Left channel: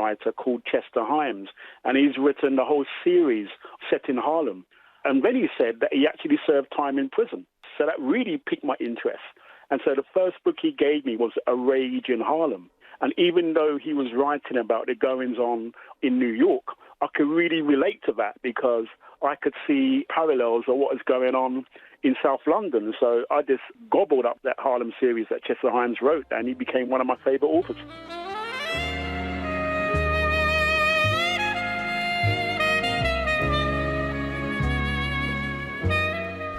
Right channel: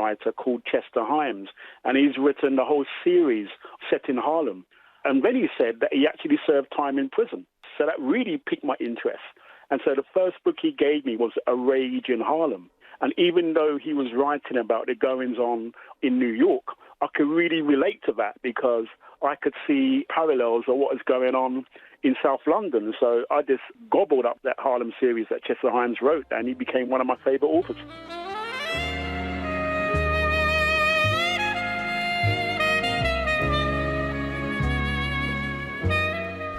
screenwriter called Chester Himes, and he's written the whole series set in Harlem. And then he said that he actually served time in prison. So that really piqued my interest. And so the first book he gave me was A Rage in Harlem. And even though he was writing about the goings-on in New York, I could really relate to that because I could see parallels of what is going on in South London. So I just gobbled up that Harlem series that Chester Himes wrote, and he became one of my favourite authors.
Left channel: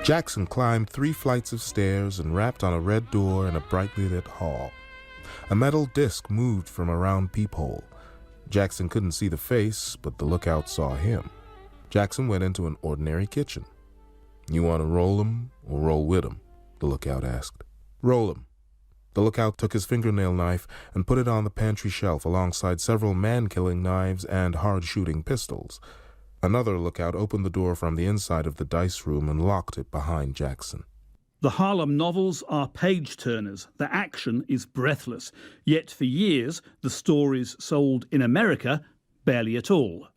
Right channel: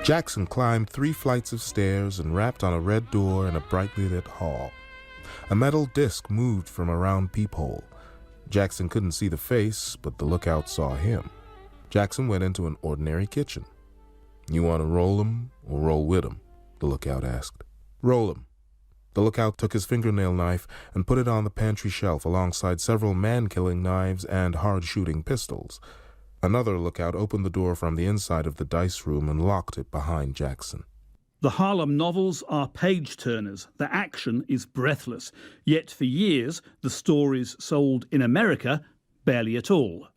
Jackson climbed 3 flights of stairs and rapped on a red door in a brightly lit hall. A metal disc moved from a round peephole. Jackson couldn't see the face, but the lookout saw him. Jackson went into an ordinary kitchen. "You want to roll 'em or roll with 'em?" the lookout asked. "Roll 'em." The lookout took his fingernail knife and put it on the pantry shelf alongside several man-killing knives and hard-shooting pistols. Another lookout opened the door from the inside of the dice room and locked it behind Jackson. The Harlem novels are page-turners. The action is breathless. Yet for years, the stories sold in America barely at all.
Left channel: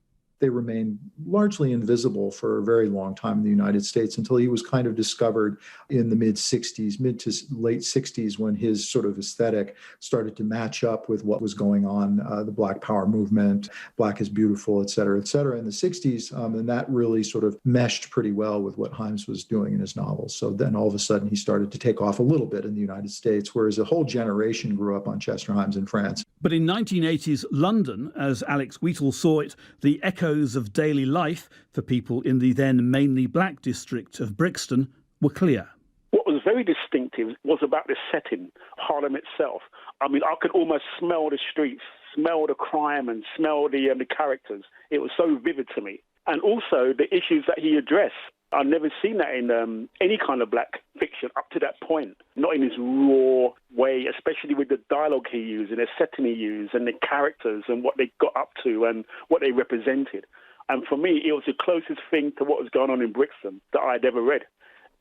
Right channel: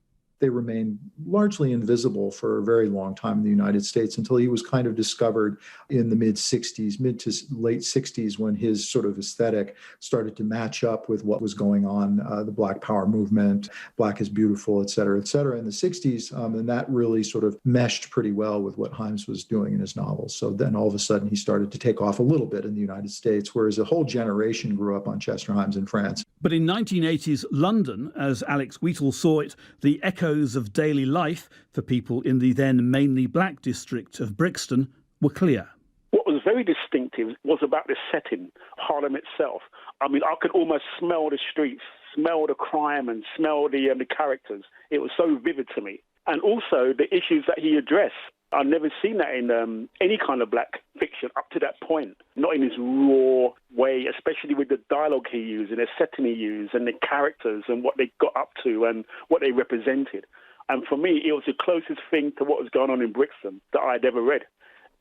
They remained largely invisible for a very long time in the United States until he was kind of discovered in the mid to late 60s when his sort of aesthetic started to match up with what was going on, the Black Power movement, Black is Beautiful, et cetera, in the 60s. And that really sort of meshed pretty well with what Himes was doing in his novels. So then all of a sudden he started to take off a little bit in the United States, whereas a whole generation grew up on Chester Himes in France. But in 1980s London, as Alex Wheatle saw it, the echoes of daily life for people in the then mainly black district of Brixton were clear. What was very distinctive was about the setting, Harlem itself. I mean, I could almost smell the streets, smell the crime and smell the characters. It was so vivid to me. And also the issues that he addressed. I've never seen that in any kind of black fiction up to that point, not in his raw way, especially with the dialogue he used and the setting he used and the characters and what they got up to and what they represented. And for me, it was the closest thing to what was going on in Brixton that I'd ever read.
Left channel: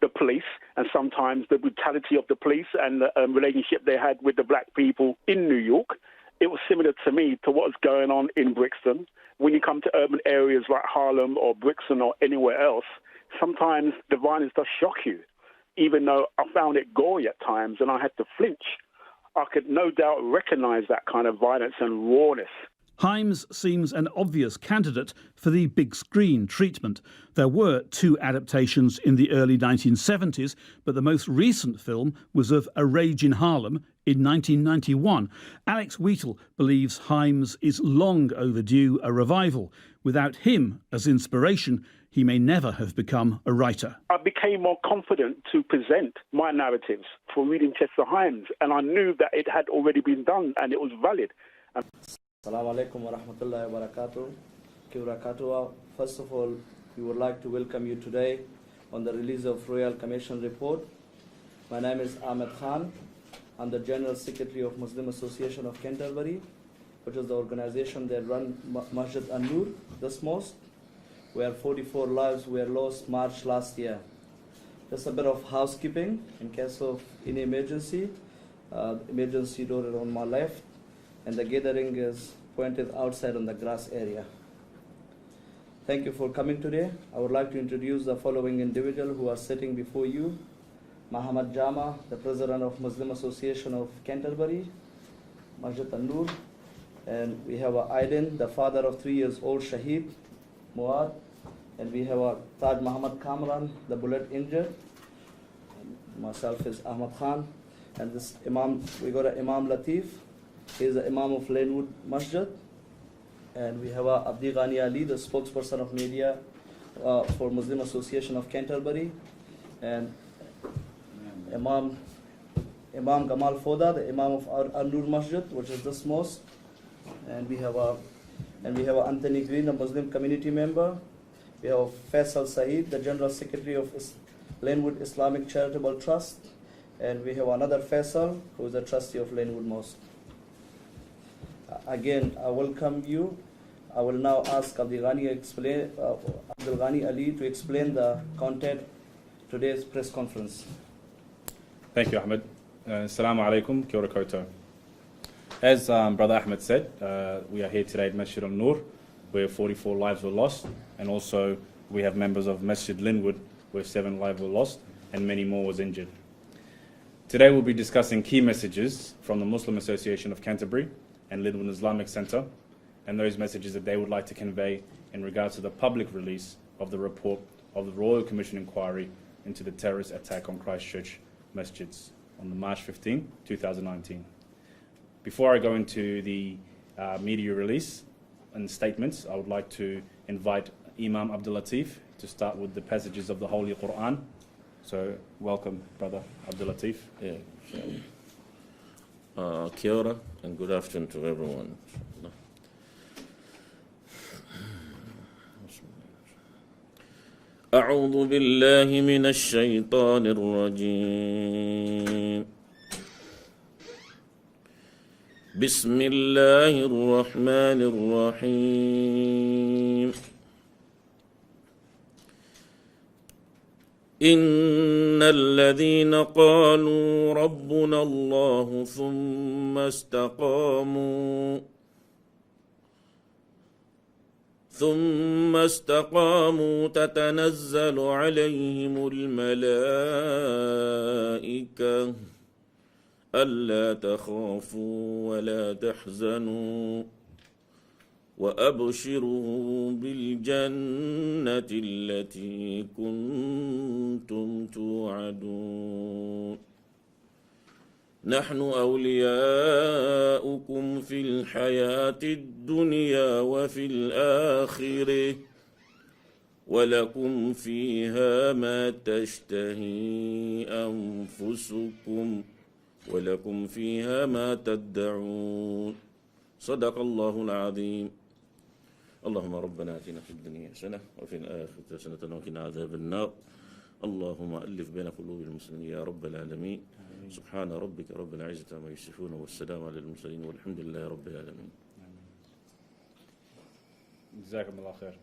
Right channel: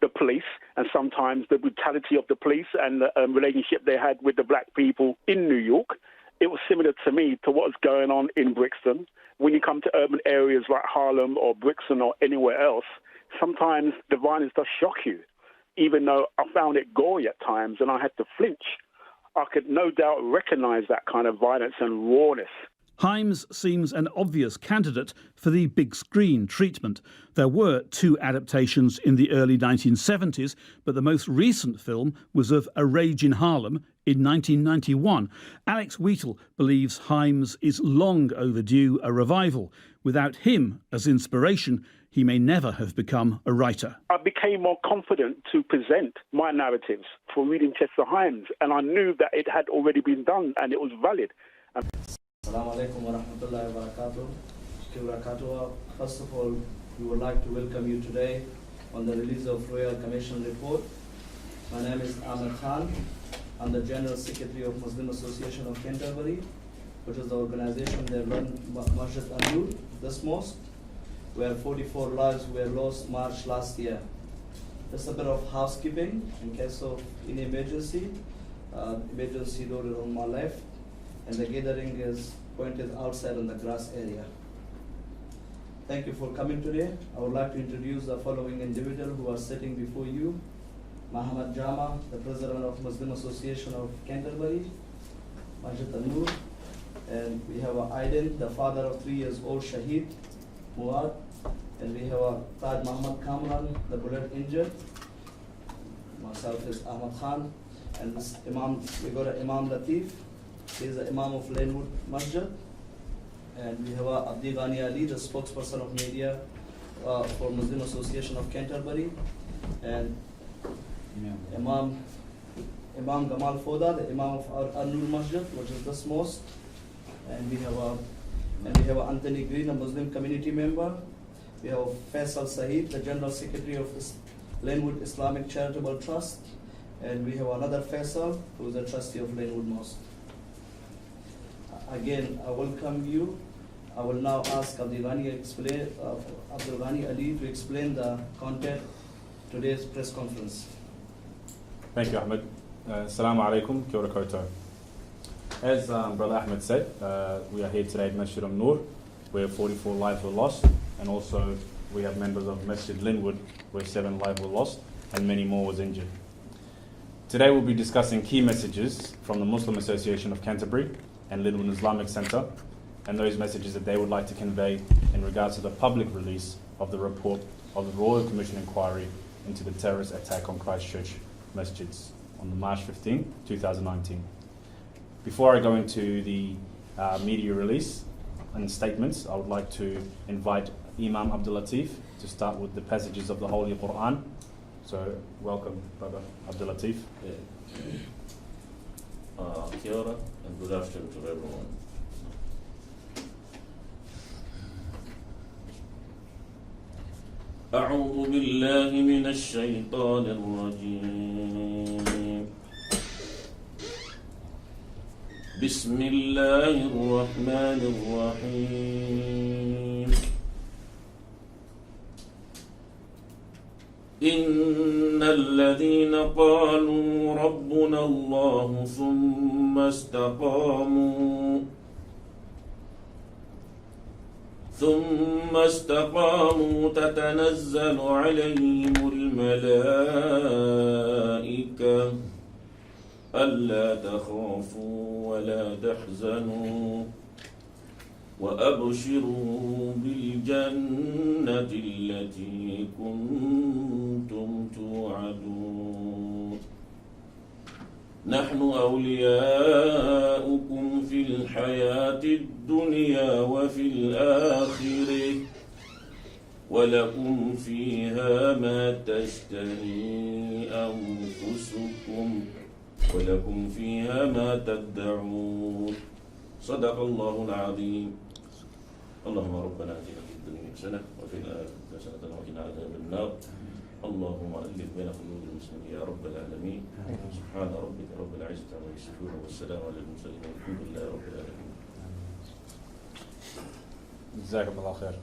The police and sometimes the brutality of the police and the relationship they had with the black people in New York. It was similar to me to what was going on in Brixton. When you come to urban areas like Harlem or Brixton or anywhere else, sometimes the violence does shock you, even though I found it gory at times and I had to flinch. I could no doubt recognize that kind of violence and rawness. Himes seems an obvious candidate for the big screen treatment. There were 2 adaptations in the early 1970s, but the most recent film was of A Rage in Harlem in 1991. Alex Wheatle believes Himes is long overdue a revival. Without him as inspiration, he may never have become a writer. I became more confident to present my narratives for reading Chester Himes, and I knew that it had already been done and it was valid. Assalamu alaikum wa rahmatullahi wa barakatuh. First of all, we would like to welcome you today on the release of Royal Commission report. My name is Ahmed Khan. I'm the General Secretary of Muslim Association of Canterbury, which is the organization that runs Masjid An-Nur, this mosque, where 44 lives were lost March last year. Just a bit of housekeeping in case of any emergency. Emergency door is on my left, and the gathering is pointed outside on the grass area. Thank you for coming today. I would like to introduce the following individuals who are sitting before you. Muhammad Jama, the President of Muslim Association of Canterbury, Masjid An-Nur, and we have Aiden, the father of 3-year-old Shahid, Muad, and we have Taj Muhammad Kamran, the bullet injured. Myself is Ahmad Khan, and this Imam, we got Imam Latif. He is the Imam of Lanewood Masjid, and we have Abdi Ghani Ali, the spokesperson of media for Muslim Association of Canterbury, and Imam Gamal Foda, the Imam of An-Nur Masjid, which is this mosque, and we have Anthony Green, a Muslim community member. We have Faisal Saeed, the General Secretary of Lanewood Islamic Charitable Trust, and we have another Faisal, who is the trustee of Lanewood Mosque. Again, I welcome you. I will now ask Abdul Ghani Ali to explain the content of today's press conference. Thank you, Ahmed. Assalamu alaikum, kia ora koutou. As Brother Ahmed said, we are here today at Masjid al-Nur, where 44 lives were lost, and also we have members of Masjid Linwood, where 7 lives were lost, and many more was injured. Today we'll be discussing key messages from the Muslim Association of Canterbury and Linwood Islamic Centre, and those messages that they would like to convey in regards to the public release of the report of the Royal Commission inquiry into the terrorist attack on Christchurch Masjids on March 15, 2019. Before I go into the media release and statements, I would like to invite Imam Abdul Latif to start with the passages of the Holy Quran. So, welcome, Brother Abdul Latif. Yeah. Kia ora and good afternoon to everyone. أعوذ بالله من الشيطان الرجيم. بسم الله الرحمن الرحيم. إن الذين قالوا ربنا الله ثم استقاموا تتنزل عليهم الملائكة ألا تخافوا ولا تحزنوا وأبشروا بالجنة التي كنتم توعدون نحن أولياؤكم في الحياة الدنيا وفي الآخرة ولكم فيها ما تشتهي أنفسكم ولكم فيها ما تدعون صدق الله العظيم. اللهم ربنا آتنا في الدنيا حسنة وفي الآخرة حسنة وقنا عذاب النار. اللهم ألف بين قلوب المسلمين يا رب العالمين. سبحان ربك رب العزة عما يصفون والسلام على المرسلين والحمد لله رب العالمين. جزاكم الله خير.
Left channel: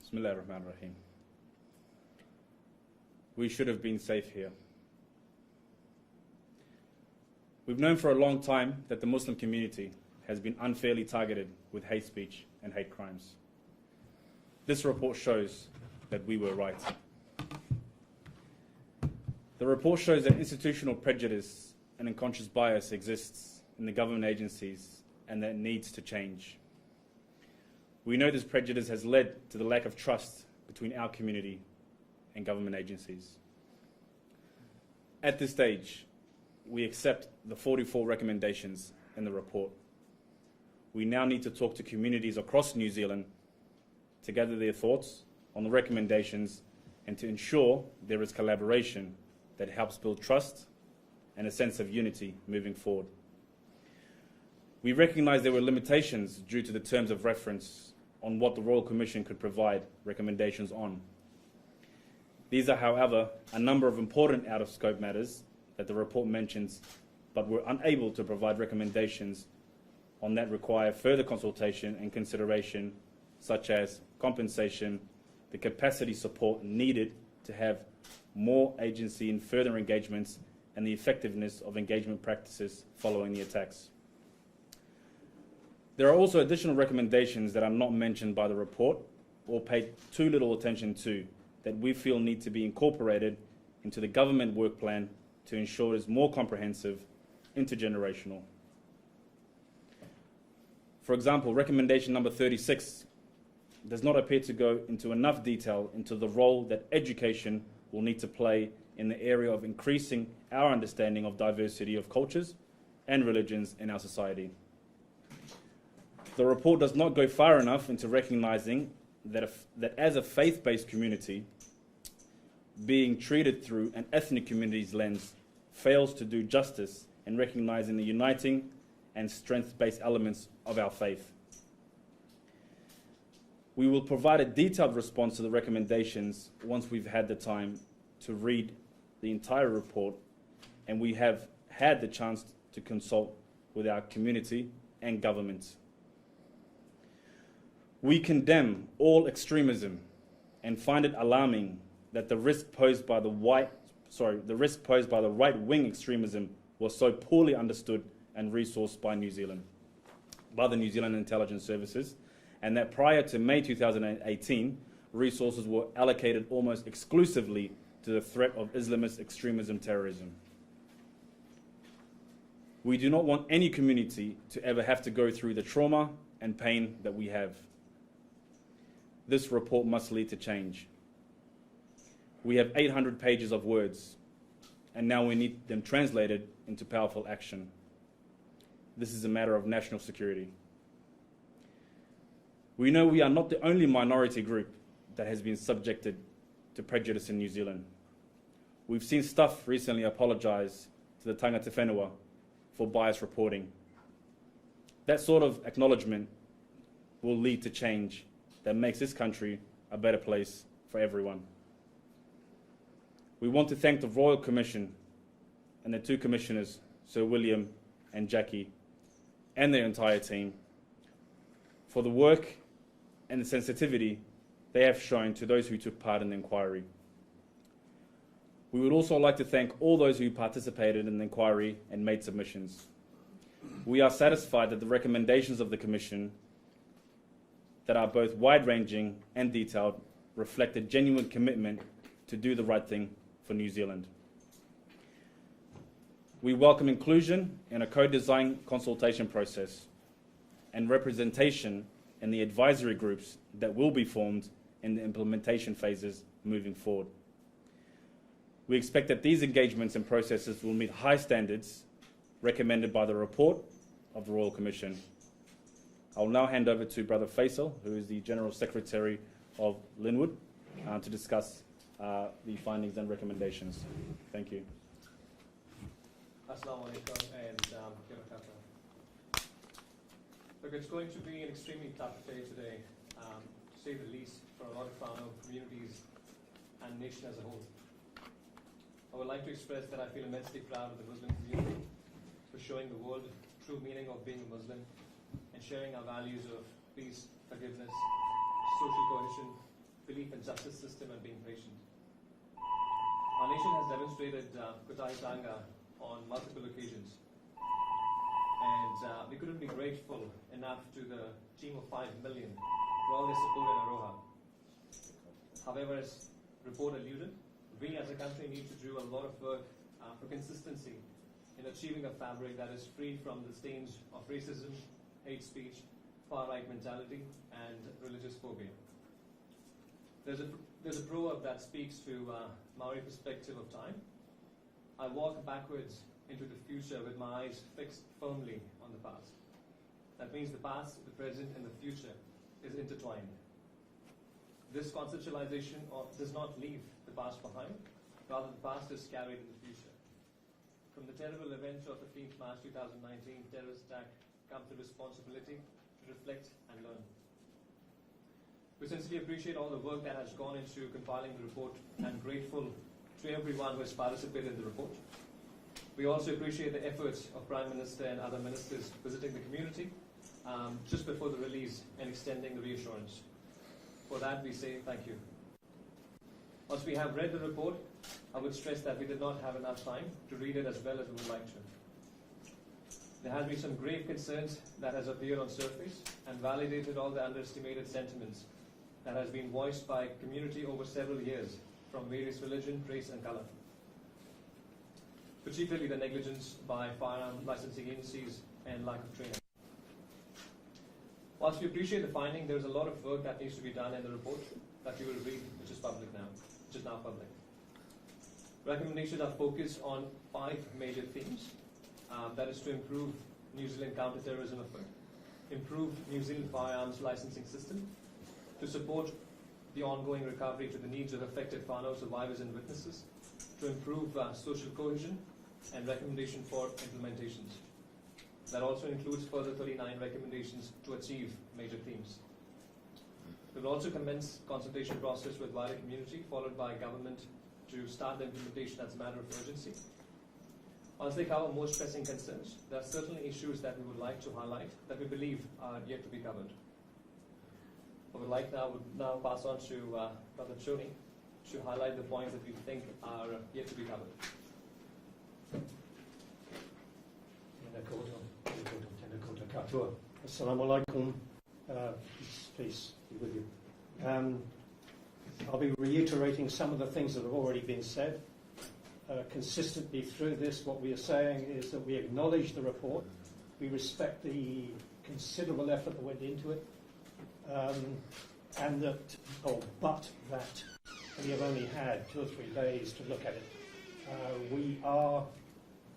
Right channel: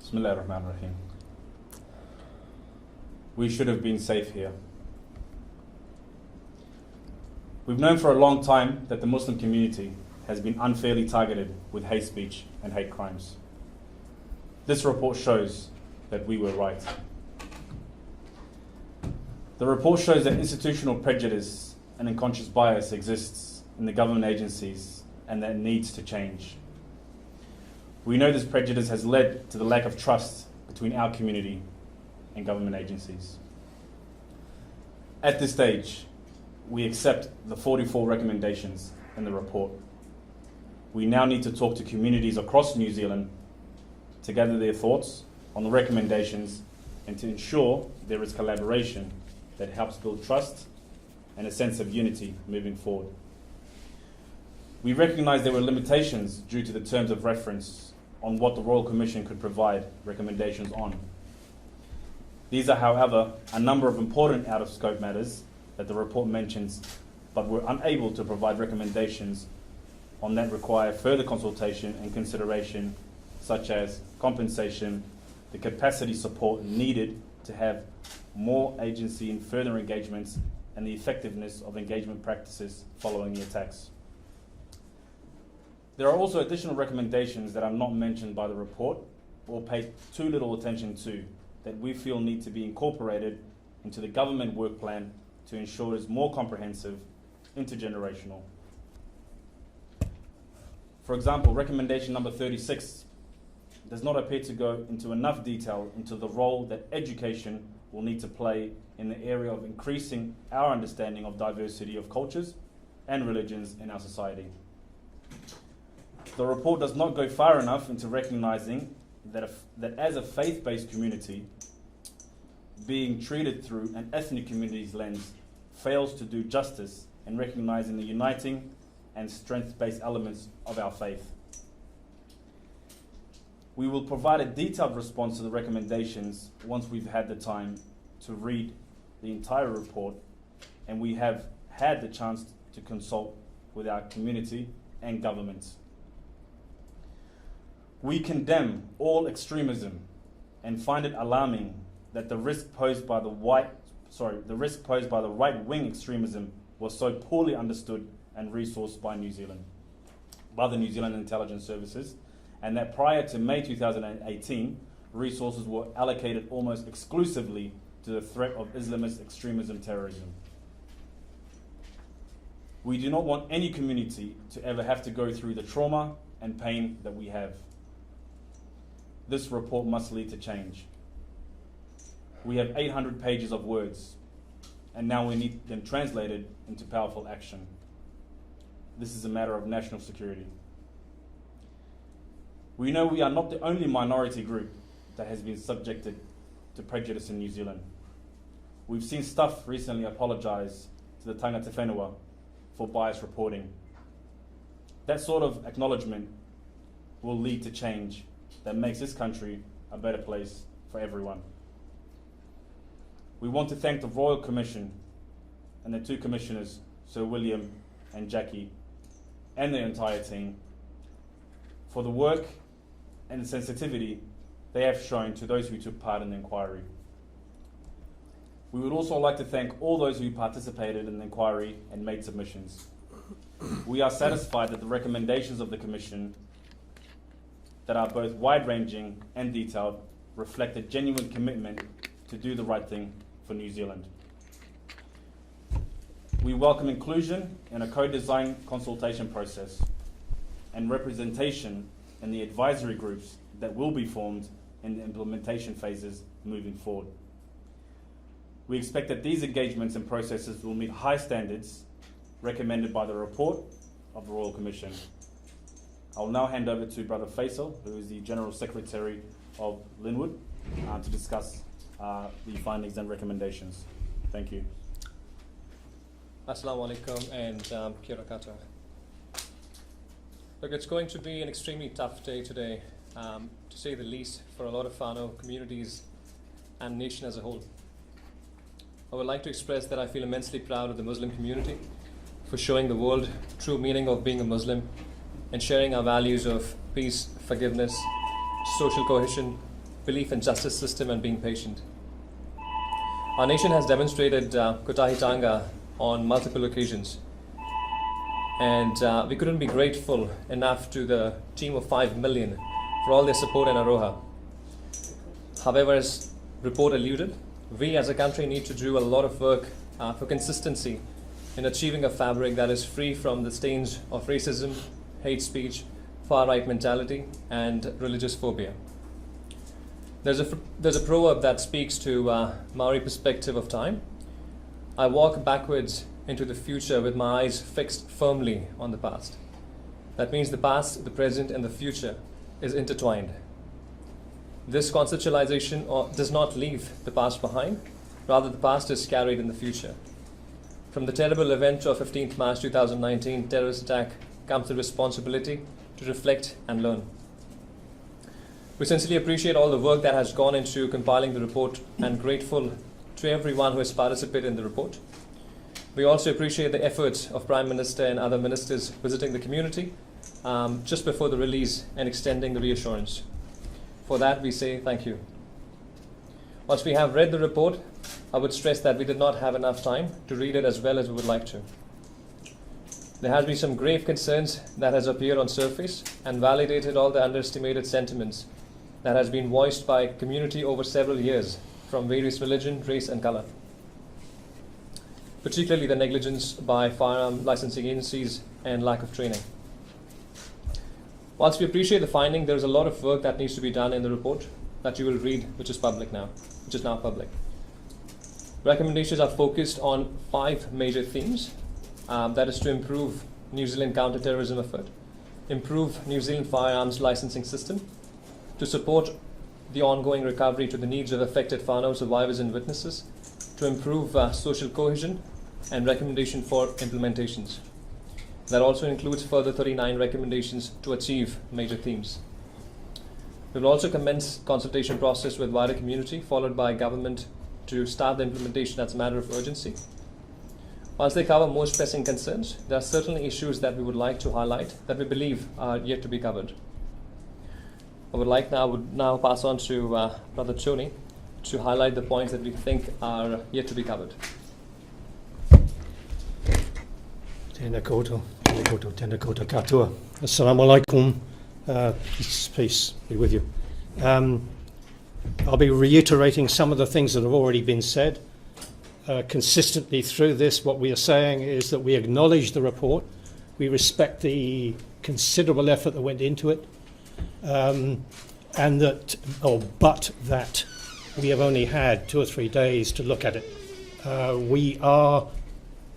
بسم الله الرحمن الرحيم. We should have been safe here. We've known for a long time that the Muslim community has been unfairly targeted with hate speech and hate crimes. This report shows that we were right. The report shows that institutional prejudice and unconscious bias exists in the government agencies and that needs to change. We know this prejudice has led to the lack of trust between our community and government agencies. At this stage, we accept the 44 recommendations in the report. We now need to talk to communities across New Zealand to gather their thoughts on the recommendations and to ensure there is collaboration that helps build trust and a sense of unity moving forward. We recognise there were limitations due to the terms of reference on what the Royal Commission could provide recommendations on. These are, however, a number of important out-of-scope matters that the report mentions, but we're unable to provide recommendations on that require further consultation and consideration, such as compensation, the capacity support needed to have more agency in further engagements, and the effectiveness of engagement practices following the attacks. There are also additional recommendations that are not mentioned by the report or paid too little attention to that we feel need to be incorporated into the government work plan to ensure it is more comprehensive, intergenerational. For example, recommendation number 36 does not appear to go into enough detail into the role that education will need to play in the area of increasing our understanding of diversity of cultures and religions in our society. The report does not go far enough into recognizing that as a faith-based community, being treated through an ethnic community's lens fails to do justice in recognizing the uniting and strength-based elements of our faith. We will provide a detailed response to the recommendations once we've had the time to read the entire report and we have had the chance to consult with our community and governments. We condemn all extremism and find it alarming that the risk posed by the right-wing extremism was so poorly understood and resourced by the New Zealand Intelligence Services, and that prior to May 2018, resources were allocated almost exclusively to the threat of Islamist extremism terrorism. We do not want any community to ever have to go through the trauma and pain that we have. This report must lead to change. We have 800 pages of words, and now we need them translated into powerful action. This is a matter of national security. We know we are not the only minority group that has been subjected to prejudice in New Zealand. We've seen Stuff recently apologise to the tangata whenua for biased reporting. That sort of acknowledgement will lead to change that makes this country a better place for everyone. We want to thank the Royal Commission and the two commissioners, Sir William and Jackie, and their entire team for the work and the sensitivity they have shown to those who took part in the inquiry. We would also like to thank all those who participated in the inquiry and made submissions. We are satisfied that the recommendations of the Commission that are both wide-ranging and detailed reflect a genuine commitment to do the right thing for New Zealand. We welcome inclusion in a co-design consultation process and representation in the advisory groups that will be formed in the implementation phases moving forward. We expect that these engagements and processes will meet high standards recommended by the report of the Royal Commission. I will now hand over to Brother Faisal, who is the General Secretary of Linwood, to discuss the findings and recommendations. Thank you. Assalamu alaikum and kia ora koutou. Look, it's going to be an extremely tough day today, to say the least, for a lot of whānau communities and nation as a whole. I would like to express that I feel immensely proud of the Muslim community for showing the world true meaning of being a Muslim and sharing our values of peace, forgiveness, social cohesion, belief in justice system, and being patient. Our nation has demonstrated kotahitanga on multiple occasions, and we couldn't be grateful enough to the team of 5 million for all their support in Aroha. However, as report alluded, we as a country need to do a lot of work for consistency in achieving a fabric that is free from the stains of racism, hate speech, far-right mentality, and religious phobia. There's a proverb that speaks to Maori perspective of time. I walk backwards into the future with my eyes fixed firmly on the past. That means the past, the present, and the future is intertwined. This conceptualization does not leave the past behind, rather the past is carried in the future. From the terrible event of 15th March 2019 terrorist attack comes the responsibility to reflect and learn. We sincerely appreciate all the work that has gone into compiling the report and grateful to everyone who has participated in the report. We also appreciate the efforts of Prime Minister and other ministers visiting the community just before the release and extending the reassurance. For that, we say thank you. Once we have read the report, I would stress that we did not have enough time to read it as well as we would like to. There has been some grave concerns that has appeared on surface and validated all the underestimated sentiments that has been voiced by community over several years from various religion, race, and color. Particularly the negligence by firearm licensing agencies and lack of training. Whilst we appreciate the finding, there is a lot of work that needs to be done in the report that you will read, which is now public. Recommendations are focused on 5 major themes. That is to improve New Zealand counter-terrorism effort, improve New Zealand firearms licensing system, to support the ongoing recovery to the needs of affected whānau survivors and witnesses, to improve social cohesion, and recommendation for implementations. That also includes further 39 recommendations to achieve major themes. We will also commence consultation process with wider community, followed by government to start the implementation as a matter of urgency. Once they cover most pressing concerns, there are certainly issues that we would like to highlight that we believe are yet to be covered. I would now pass on to Brother Tony to highlight the points that we think are yet to be covered. Tēnā koutou, tēnā koutou, tēnā koutou katoa. Assalamu alaikum. Peace be with you. I'll be reiterating some of the things that have already been said. Consistently through this, what we are saying is that we acknowledge the report. We respect the considerable effort that went into it, but that we have only had 2 or 3 days to look at it. We are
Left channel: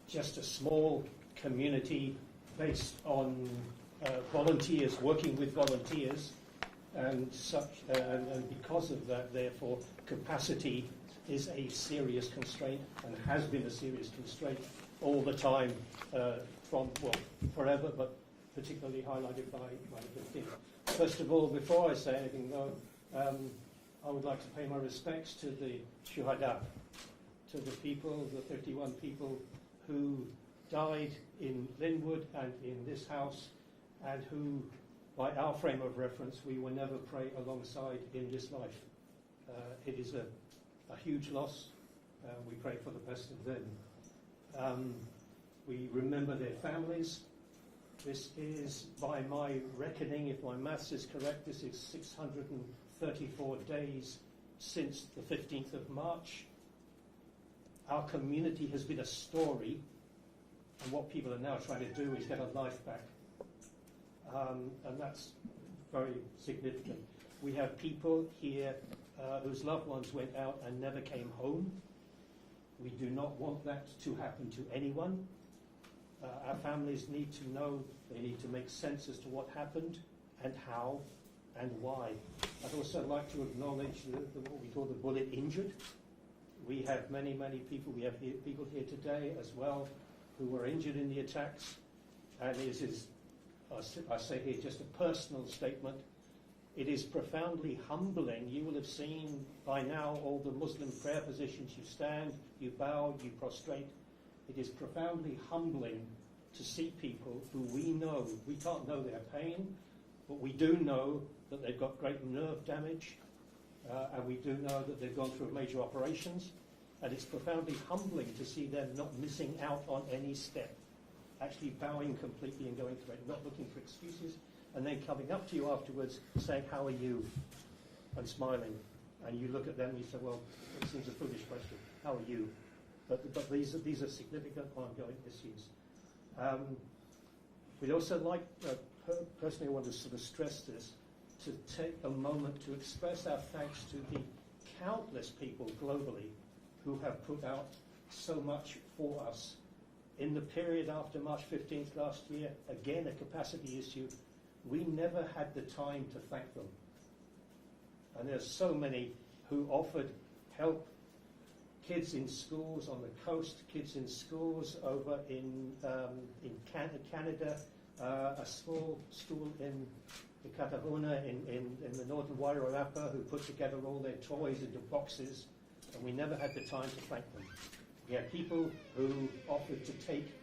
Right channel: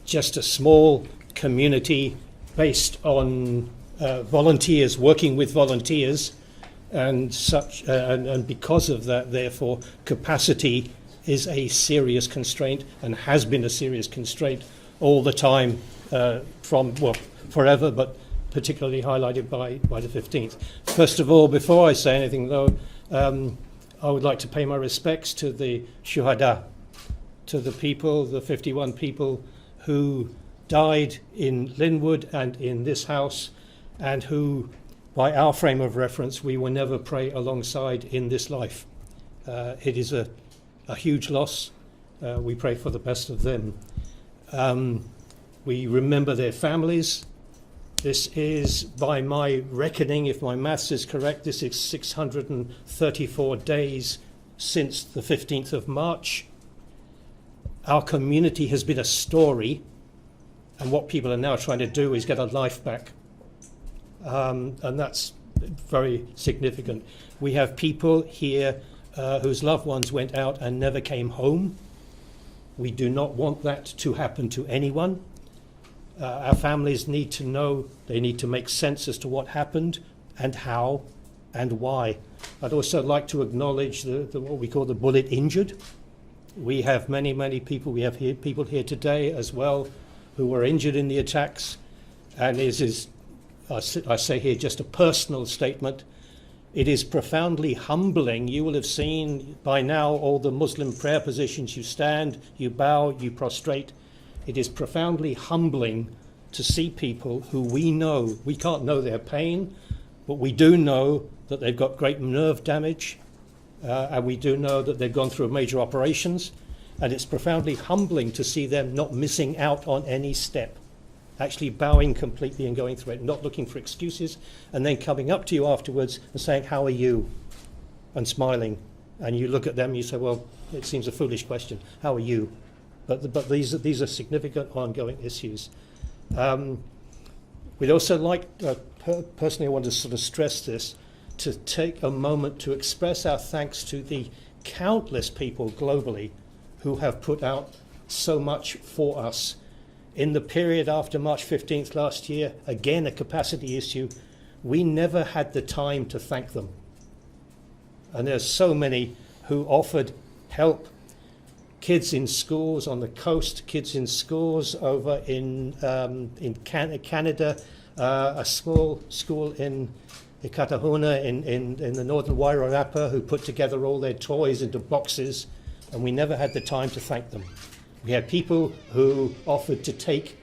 just a small community based on volunteers, working with volunteers, and because of that, therefore, capacity is a serious constraint and has been a serious constraint all the time forever, but particularly highlighted by the 15th. First of all, before I say anything though, I would like to pay my respects to the shuhada, to the people, the 51 people who died in Linwood and in this house, and who, by our frame of reference, we will never pray alongside in this life. It is a huge loss. We pray for the best of them. We remember their families. This is, by my reckoning, if my maths is correct, this is 634 days since the 15th of March. Our community has been a story, and what people are now trying to do is get a life back. And that's very significant. We have people here whose loved ones went out and never came home. We do not want that to happen to anyone. Our families need to know, they need to make sense as to what happened and how and why. I'd also like to acknowledge what we call the bullet injured. We have many people, we have people here today as well who were injured in the attacks, and this is, I say here, just a personal statement. It is profoundly humbling. You will have seen by now all the Muslim prayer positions. You stand, you bow, you prostrate. It is profoundly humbling to see people who we know, we can't know their pain, but we do know that they've got great nerve damage, and we do know that they've gone through major operations, and it's profoundly humbling to see them not missing out on any step, actually bowing completely and going through it, not looking for excuses, and then coming up to you afterwards and saying, "How are you?" and smiling. And you look at them and you say, well, it seems a foolish question. How are you? But these are significant ongoing issues. We'd also like, personally I want to sort of stress this, to take a moment to express our thanks to the countless people globally who have put out so much for us. In the period after March 15th last year, again a capacity issue, we never had the time to thank them. And there's so many who offered help. Kids in schools on the coast, kids in schools over in Canada, a small school in Ikatahuna in the northern Wairarapa who put together all their toys into boxes, and we never had the time to thank them. We had people who offered to take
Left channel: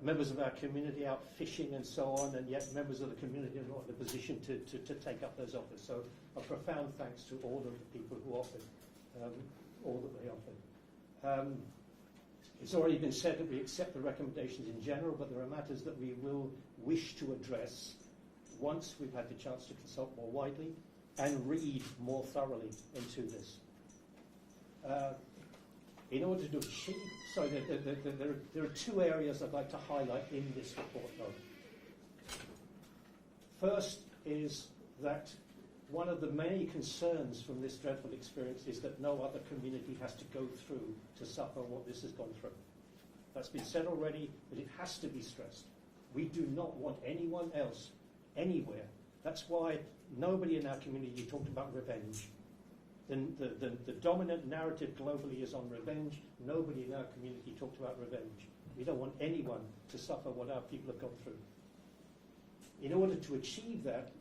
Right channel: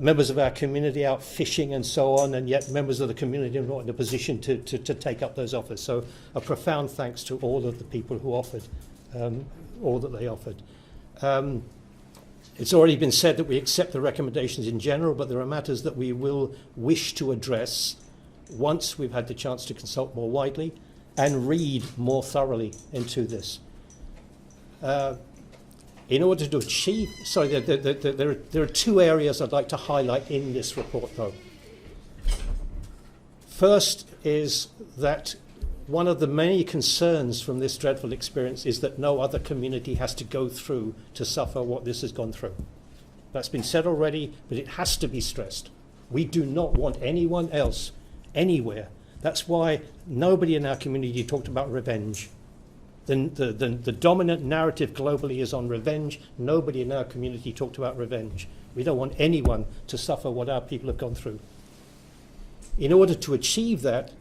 members of our community out fishing and so on, and yet members of the community are not in a position to take up those offers. So a profound thanks to all of the people who offered all that they offered. It's already been said that we accept the recommendations in general, but there are matters that we will wish to address once we've had the chance to consult more widely and read more thoroughly into this. In order to achieve, there are two areas I'd like to highlight in this report though. First is that one of the many concerns from this dreadful experience is that no other community has to go through to suffer what this has gone through. That's been said already, but it has to be stressed. We do not want anyone else anywhere. That's why nobody in our community talked about revenge. The dominant narrative globally is on revenge. Nobody in our community talked about revenge. We don't want anyone to suffer what our people have gone through. In order to achieve that,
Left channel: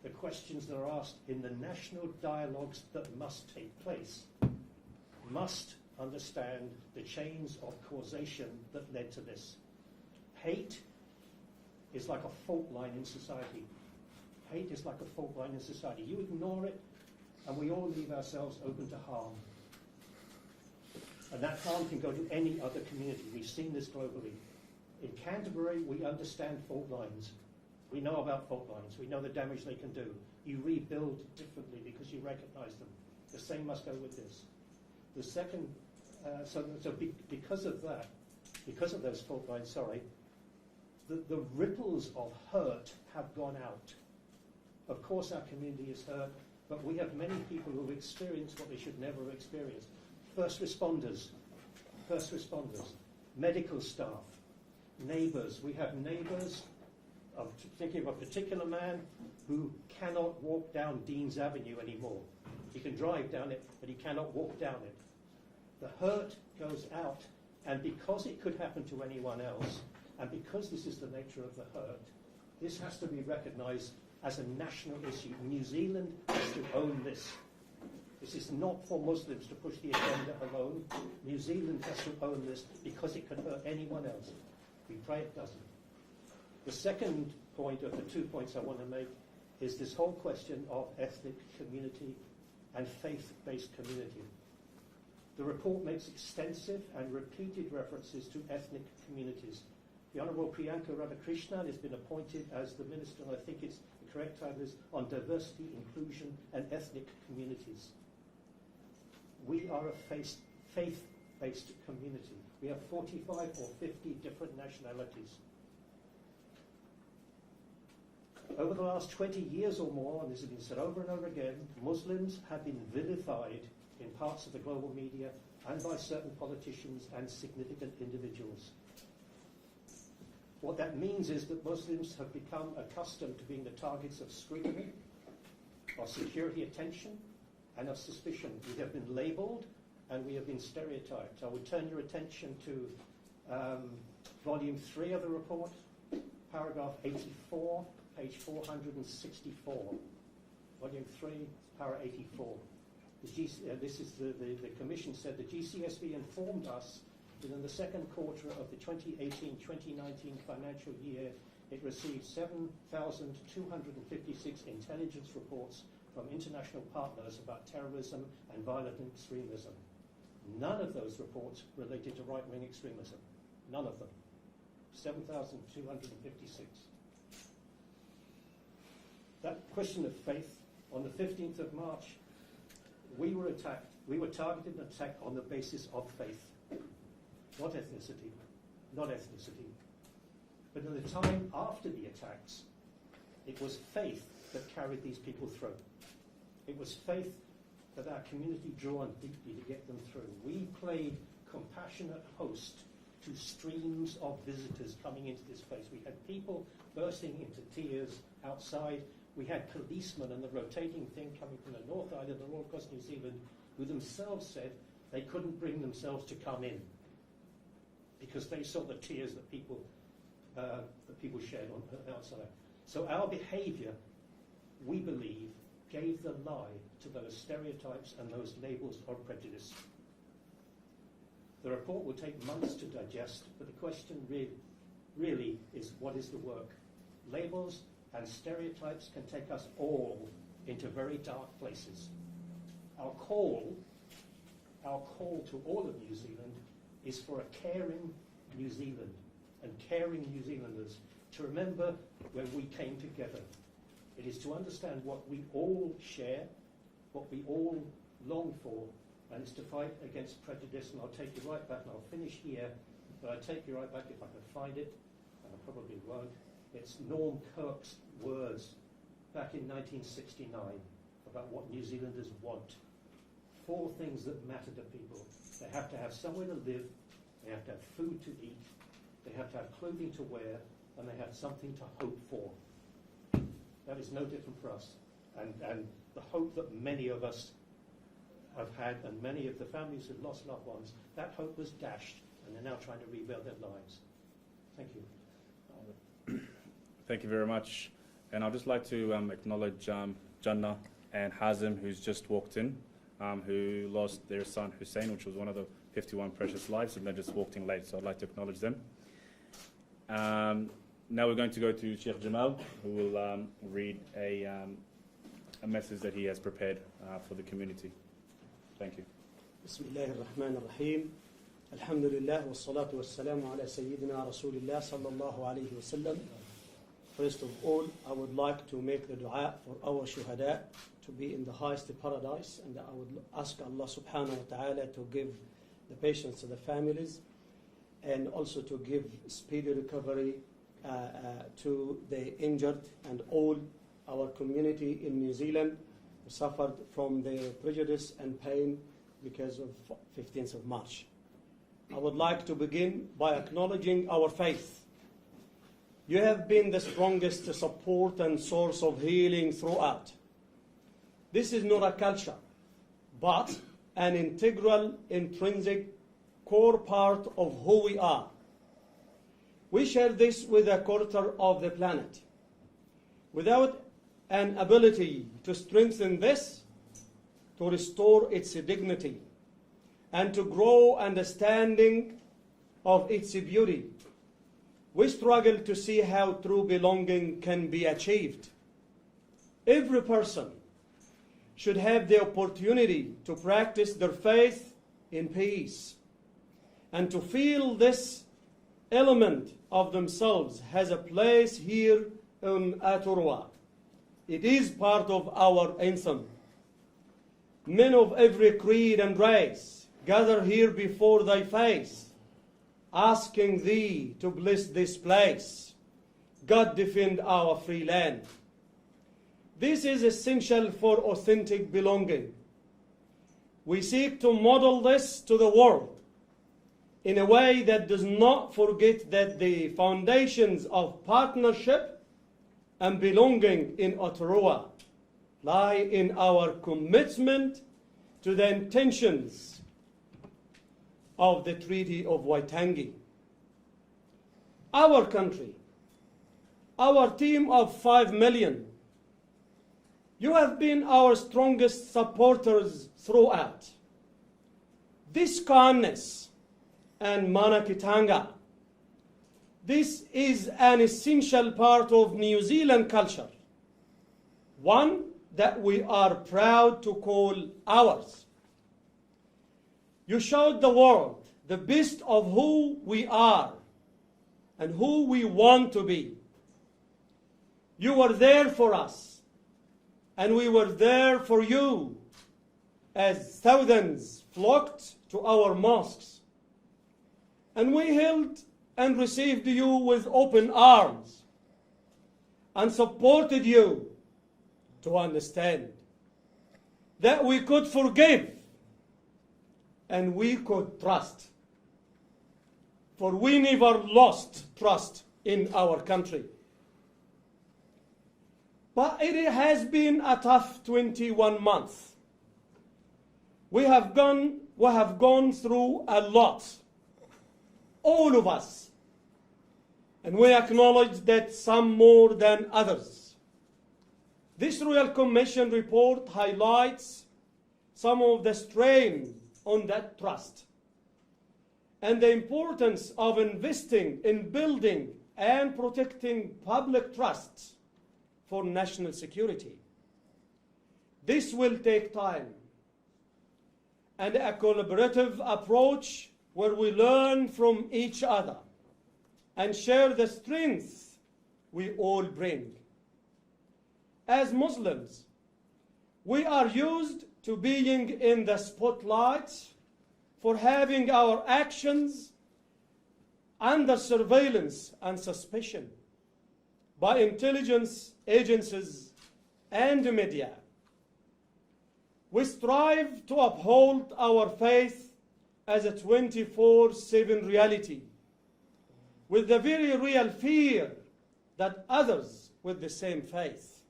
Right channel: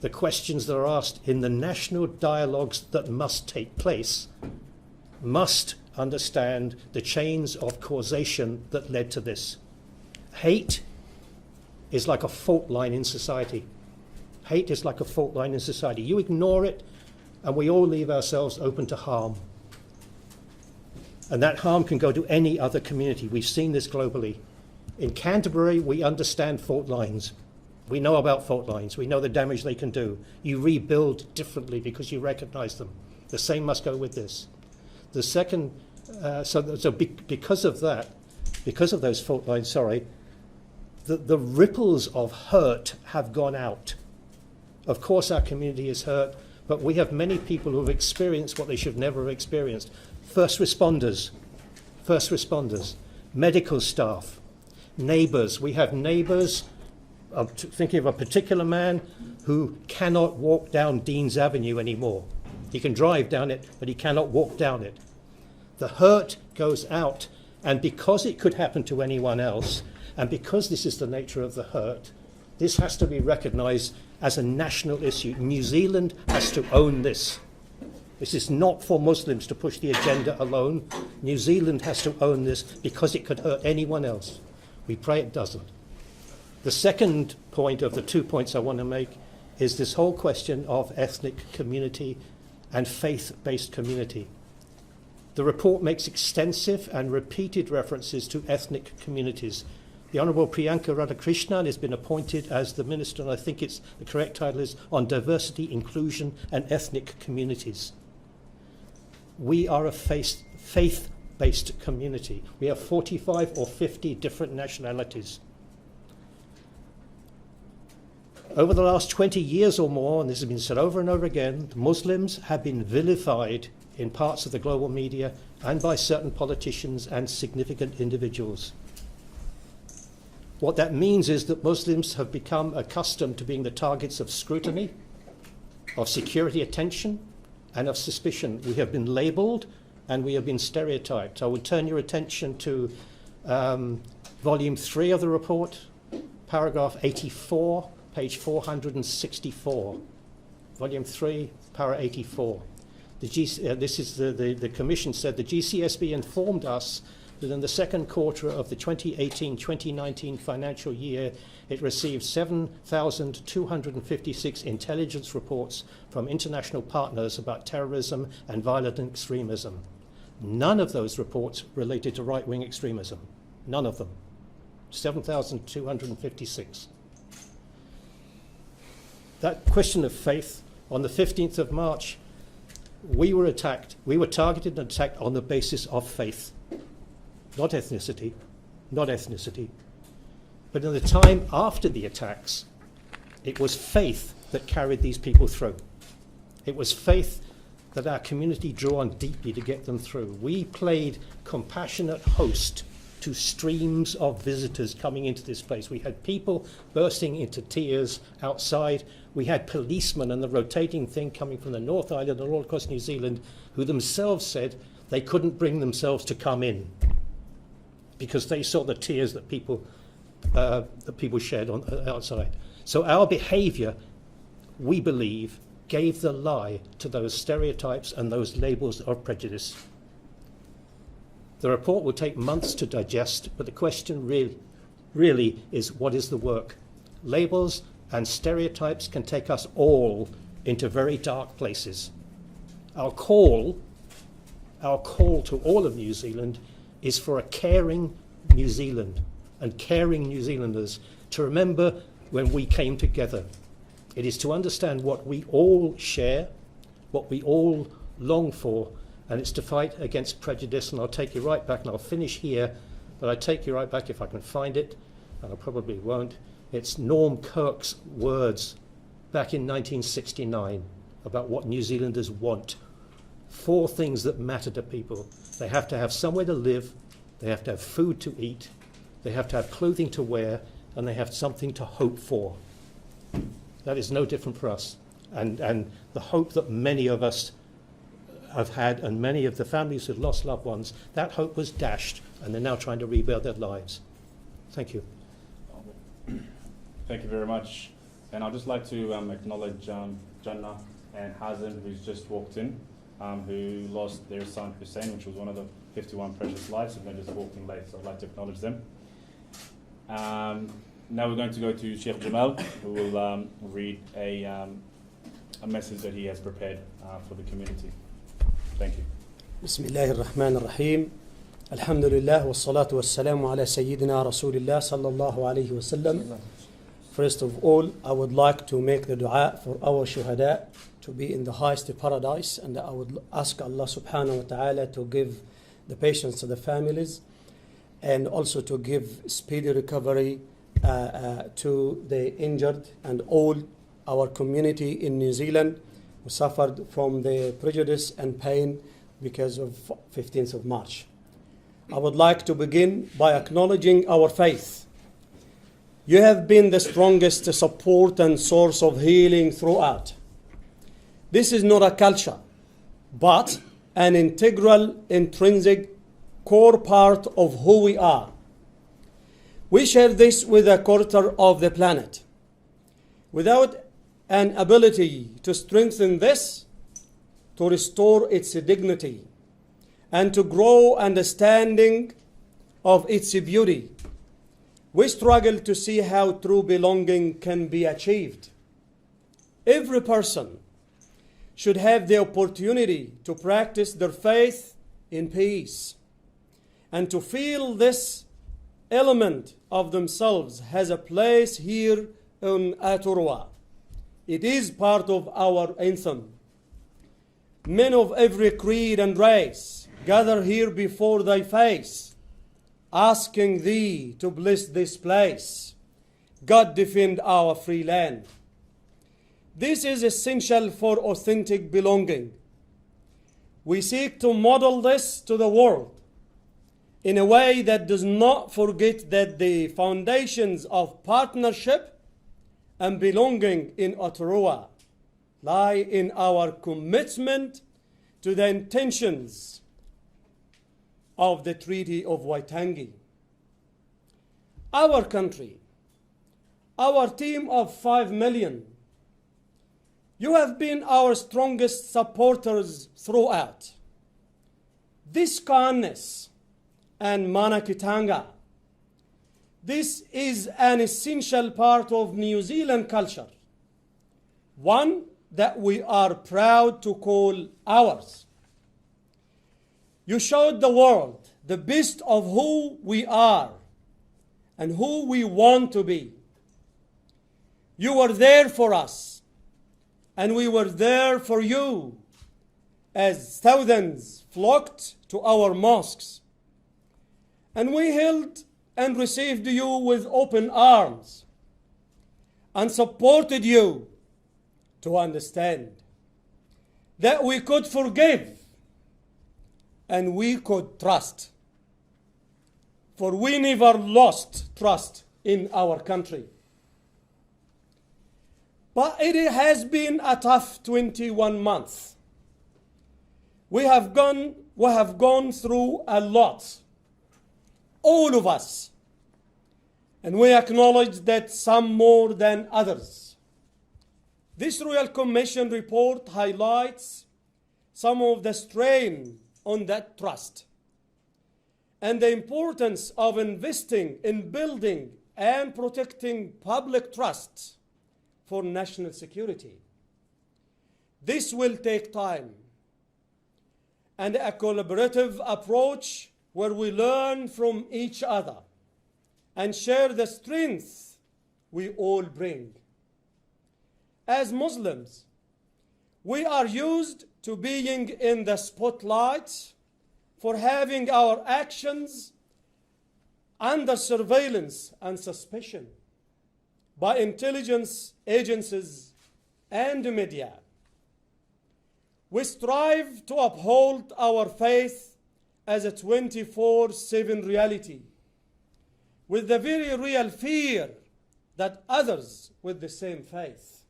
the questions that are asked in the national dialogues that must take place must understand the chains of causation that led to this. Hate is like a fault line in society. Hate is like a fault line in society. You ignore it, and we all leave ourselves open to harm. And that harm can go to any other community. We've seen this globally. In Canterbury, we understand fault lines. We know about fault lines. We know the damage they can do. You rebuild differently because you recognize them. The same must go with this. The second, because of that, because of those fault lines, the ripples of hurt have gone out. Of course, our community is hurt, but we have many people who have experienced what they should never have experienced. First responders, medical staff, neighbours. We have neighbours. I'm thinking of a particular man who cannot walk down Dean's Avenue anymore. He can drive down it, but he cannot walk down it. The hurt goes out, and because it could happen to anyone else, and because this is the nature of the hurt, this has to be recognised as a national issue. New Zealand has to own this. This is not for Muslims to push the agenda alone. New Zealand has to own this because it could hurt anyone else. We pray it doesn't. The second point of the 2 points I want to make is this whole question of ethnic community and faith-based community. The report makes extensive and repeated references to ethnic communities. The Honourable Priyanka Radhakrishnan has been appointed as the Minister, and I think the correct title is on Diversity, Inclusion and Ethnic Communities. We are a faith-based community. We have 45 or 50 different nationalities. Over the last 20 years or more, and this has been said over and over again, Muslims have been vilified in parts of the global media and by certain politicians and significant individuals. What that means is that Muslims have become accustomed to being the targets of scrutiny, of security attention, and of suspicion. We have been labelled and we have been stereotyped. I would turn your attention to volume 3 of the report, paragraph 84, page 464. Volume 3, para 84. The Commission said the GCSB informed us that in the second quarter of the 2018-2019 financial year, it received 7,256 intelligence reports from international partners about terrorism and violent extremism. None of those reports related to right-wing extremism. None of them. 7,256. That question of faith, on the 15th of March, we were attacked. We were targeted and attacked on the basis of faith. Not ethnicity. Not ethnicity. But in the time after the attacks, it was faith that carried these people through. It was faith that our community drew on deeply to get them through. We played compassionate host to streams of visitors coming into this place. We had people bursting into tears outside. We had policemen and the rotating thing coming from the North Island and all across New Zealand who themselves said they couldn't bring themselves to come in because they saw the tears that people shed outside. So our behaviour, we believe, gave the lie to those stereotypes and those labels of prejudice. The report will take months to digest, but the question really is, what is the work? Labels and stereotypes can take us all into very dark places. Our call to all of New Zealand is for a caring New Zealand and caring New Zealanders to remember when we came together. It is to understand what we all share, what we all long for, and it's to fight against prejudice. And I'll take you right back, and I'll finish here, but I take you right back if I can find it, and I probably won't. It's Norm Kirk's words back in 1969 about what New Zealanders want. 4 things that matter to people. They have to have somewhere to live, they have to have food to eat, they have to have clothing to wear, and they have something to hope for. That is no different for us. And the hope that many of us have had, and many of the families who've lost loved ones, that hope was dashed, and they're now trying to rebuild their lives. Thank you. Thank you very much. And I'd just like to acknowledge Jannah and Hazim, who's just walked in, who lost their son Hussein, which was one of the 51 precious lives, and they just walked in late, so I'd like to acknowledge them. Now we're going to go to Sheikh Jamal, who will read a message that he has prepared for the community. Thank you. بسم الله الرحمن الرحيم Alhamdulillah wa salatu wa salamu ala Sayyidina Rasulillah sallallahu alayhi wa sallam. First of all, I would like to make the dua for our shuhada to be in the highest paradise, and I would ask Allah subhanahu wa ta'ala to give the patience to the families and also to give speedy recovery to the injured and all our community in New Zealand who suffered from the prejudice and pain because of 15th of March. I would like to begin by acknowledging our faith. You have been the strongest support and source of healing throughout. This is not a culture, but an integral, intrinsic, core part of who we are. We share this with a quarter of the planet. Without an ability to strengthen this, to restore its dignity, and to grow understanding of its beauty, we struggle to see how true belonging can be achieved. Every person should have the opportunity to practice their faith in peace and to feel this element of themselves has a place here in Aotearoa. It is part of our anthem. Men of every creed and race gather here before thy face, asking thee to bless this place. God defend our free land. This is essential for authentic belonging. We seek to model this to the world in a way that does not forget that the foundations of partnership and belonging in Aotearoa lie in our commitment to the intentions of the Treaty of Waitangi. Our country, our team of 5 million, you have been our strongest supporters throughout. This kindness and manakitanga, this is an essential part of New Zealand culture, one that we are proud to call ours. You showed the world the best of who we are and who we want to be. You were there for us, and we were there for you as thousands flocked to our mosques. And we held and received you with open arms and supported you to understand that we could forgive and we could trust. For we never lost trust in our country. But it has been a tough 21 months. We have gone through a lot, all of us, and we acknowledge that some more than others. This Royal Commission report highlights some of the strain on that trust and the importance of investing in building and protecting public trust for national security. This will take time and a collaborative approach where we learn from each other and share the strengths we all bring. As Muslims, we are used to being in the spotlight for having our actions under surveillance and suspicion by intelligence agencies and the media. We strive to uphold our faith as a 24/7 reality, with the very real fear that others with the same faith,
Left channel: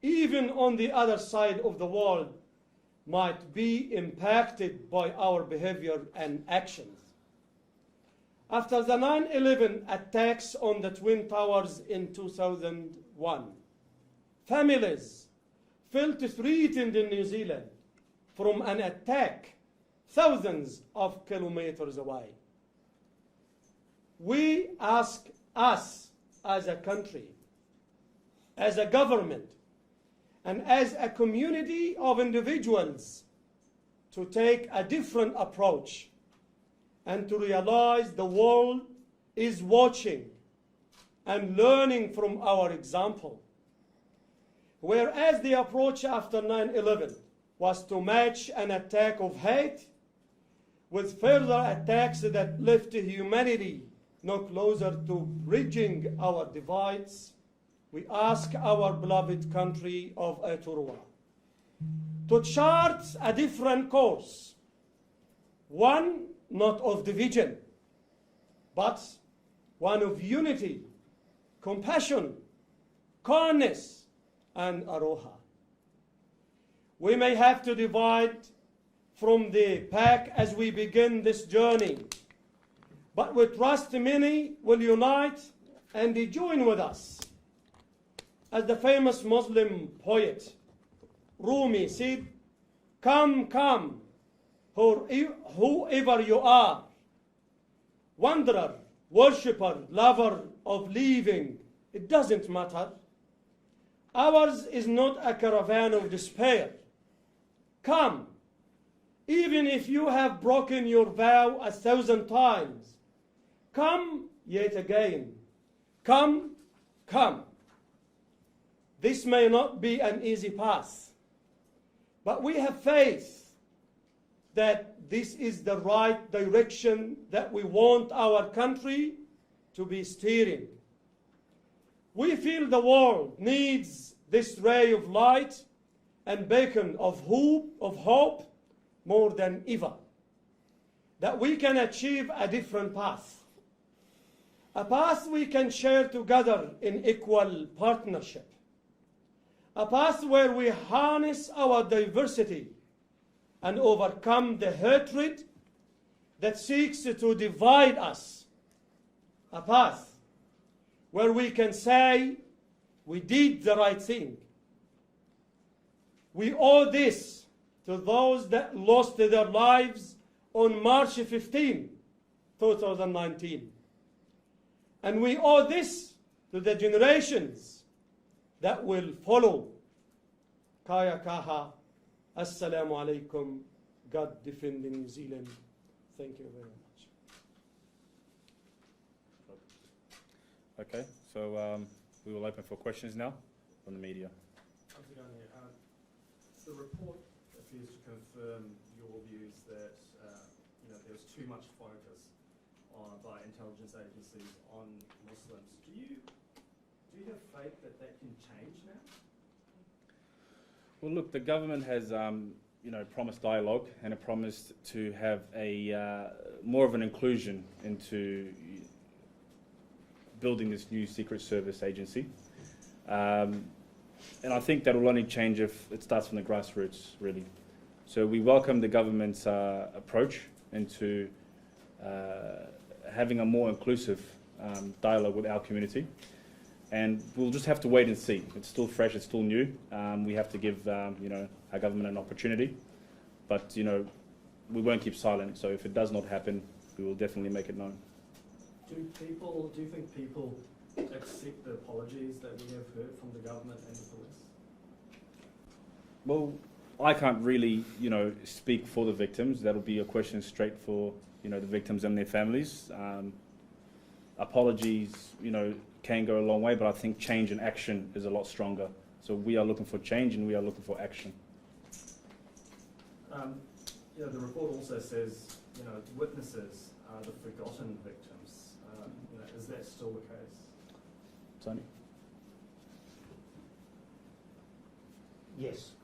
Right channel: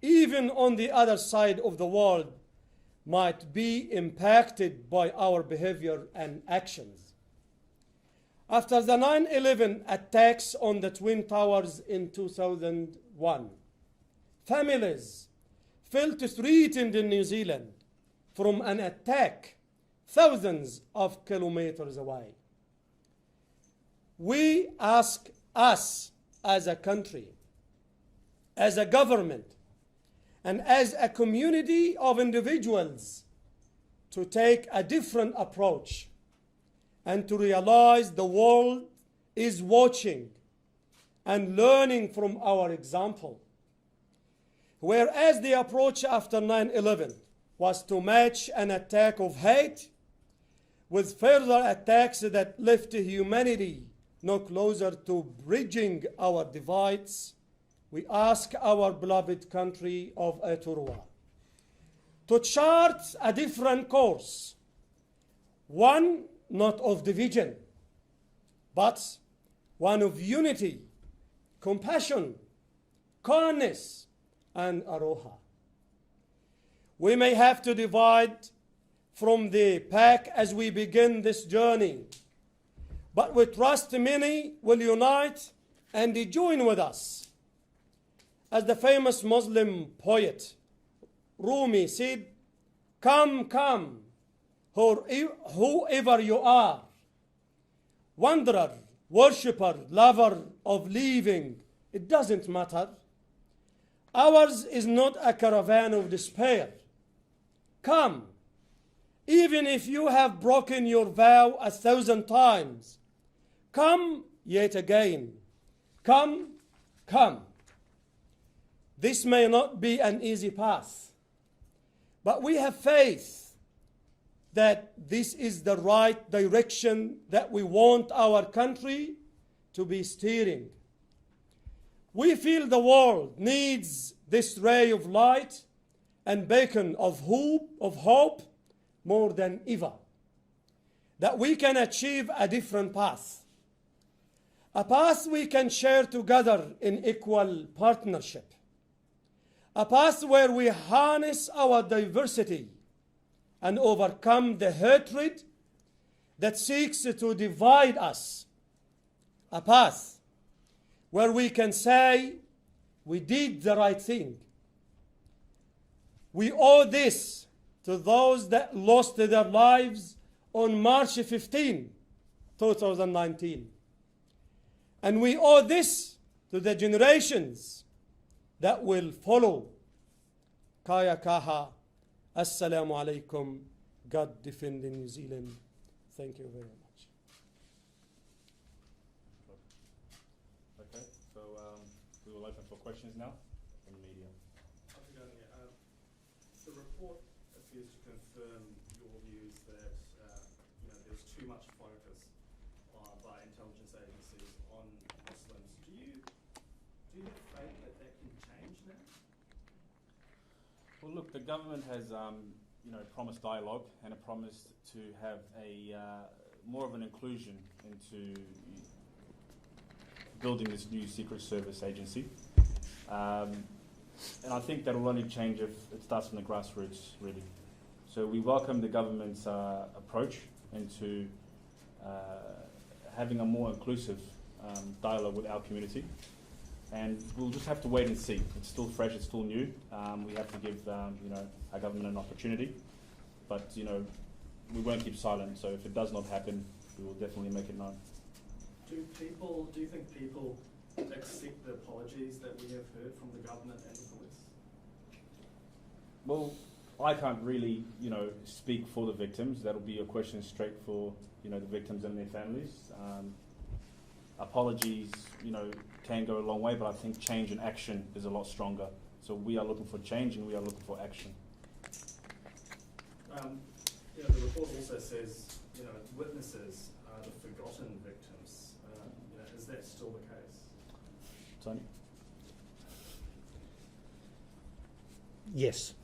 even on the other side of the world, might be impacted by our behavior and actions. After the 9/11 attacks on the Twin Towers in 2001, families felt threatened in New Zealand from an attack thousands of kilometers away. We ask us as a country, as a government, and as a community of individuals to take a different approach and to realize the world is watching and learning from our example. Whereas the approach after 9/11 was to match an attack of hate with further attacks that left humanity no closer to bridging our divides, we ask our beloved country of Eturwa to chart a different course, one not of division, but one of unity, compassion, kindness, and aroha. We may have to divide from the pack as we begin this journey, but we trust many will unite and join with us. As the famous Muslim poet Rumi said, "Come, come, whoever you are, wanderer, worshipper, lover of living, it doesn't matter. Ours is not a caravan of despair. Come, even if you have broken your vow 1,000 times, come yet again. Come, come." This may not be an easy path, but we have faith that this is the right direction that we want our country to be steering. We feel the world needs this ray of light and beacon of hope more than ever, that we can achieve a different path, a path we can share together in equal partnership, a path where we harness our diversity and overcome the hatred that seeks to divide us, a path where we can say we did the right thing. We owe this to those that lost their lives on March 15, 2019. And we owe this to the generations that will follow. Kaya kaha. Assalamu alaikum. God defend New Zealand. Thank you very much. Okay, so we will open for questions now from the media. The report appears to confirm your views that there's too much focus by intelligence agencies on Muslims. Do you have faith that that can change now? Well, look, the government has promised dialogue and it promised to have a more of an inclusion into building this new Secret Service agency. And I think that will only change if it starts from the grassroots, really. So we welcome the government's approach into having a more inclusive dialogue with our community. And we'll just have to wait and see. It's still fresh, it's still new. We have to give our government an opportunity. But we won't keep silent. So if it does not happen, we will definitely make it known. Do you think people accept the apologies that we have heard from the government and the police? Well, I can't really, speak for the victims. That'll be a question straight for, the victims and their families. Apologies, can go a long way, but I think change and action is a lot stronger. So we are looking for change and we are looking for action. The report also says, witnesses are the forgotten victims. Is that still the case? Tony? Yes.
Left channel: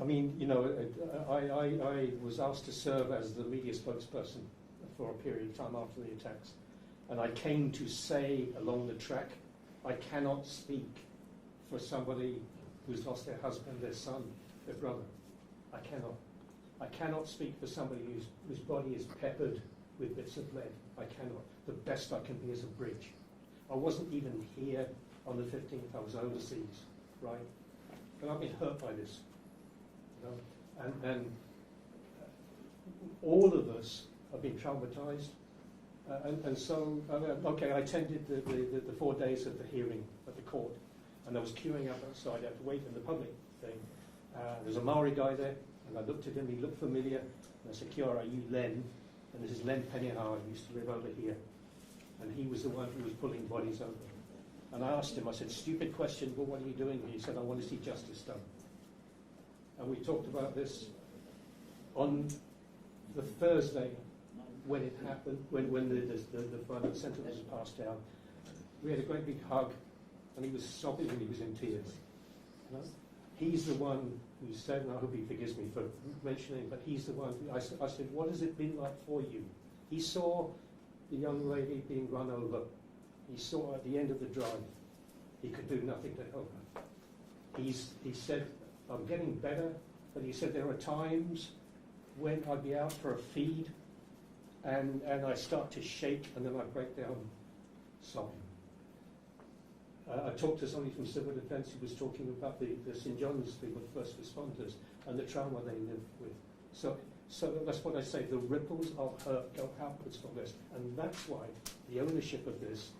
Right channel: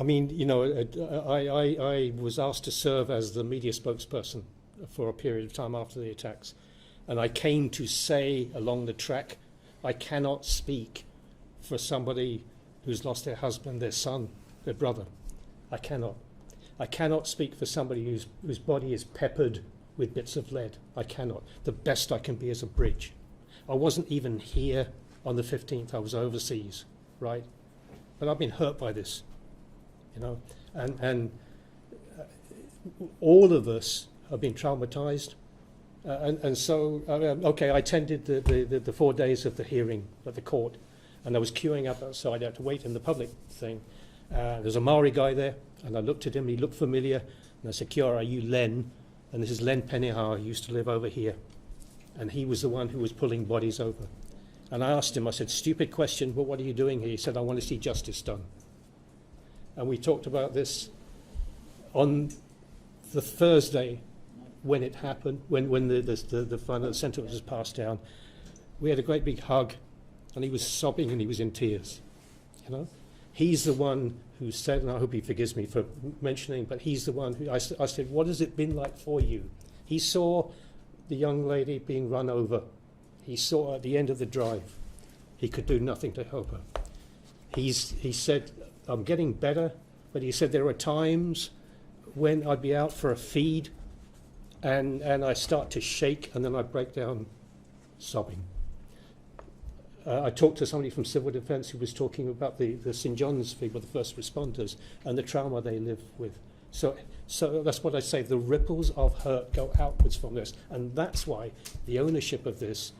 I mean, I was asked to serve as the media spokesperson for a period of time after the attacks. And I came to say along the track, I cannot speak for somebody who's lost their husband, their son, their brother. I cannot. I cannot speak for somebody whose body is peppered with bits of lead. I cannot. The best I can be is a bridge. I wasn't even here on the 15th. I was overseas, right? But I've been hurt by this, and all of us have been traumatized. And so, okay, I attended the 4 days of the hearing at the court, and I was queuing up outside. I had to wait in the public thing. There's a Maori guy there, and I looked at him. He looked familiar, and I said, "Kia ora, are you Len?" And this is Len Penihar, who used to live over here. And he was the one who was pulling bodies over. And I asked him, I said, stupid question, but what are you doing here? He said, I want to see justice done. And we talked about this on the Thursday when it happened, when the final sentence was passed down. We had a great big hug, and he was sobbing and he was in tears. You know, he's the one who said, and I hope he forgives me for mentioning, but he's the one who I said, what has it been like for you? He saw the young lady being run over. He saw her at the end of the drive. He could do nothing to help her. He said, I'm getting better, but he said there are times when I'd be out for a feed and I start to shake and then I break down sobbing. I talked to somebody from Civil Defence who was talking about the St John's people, the first responders, and the trauma they live with. So that's what I say, the ripples of hurt go outwards from this. And that's why the ownership of this,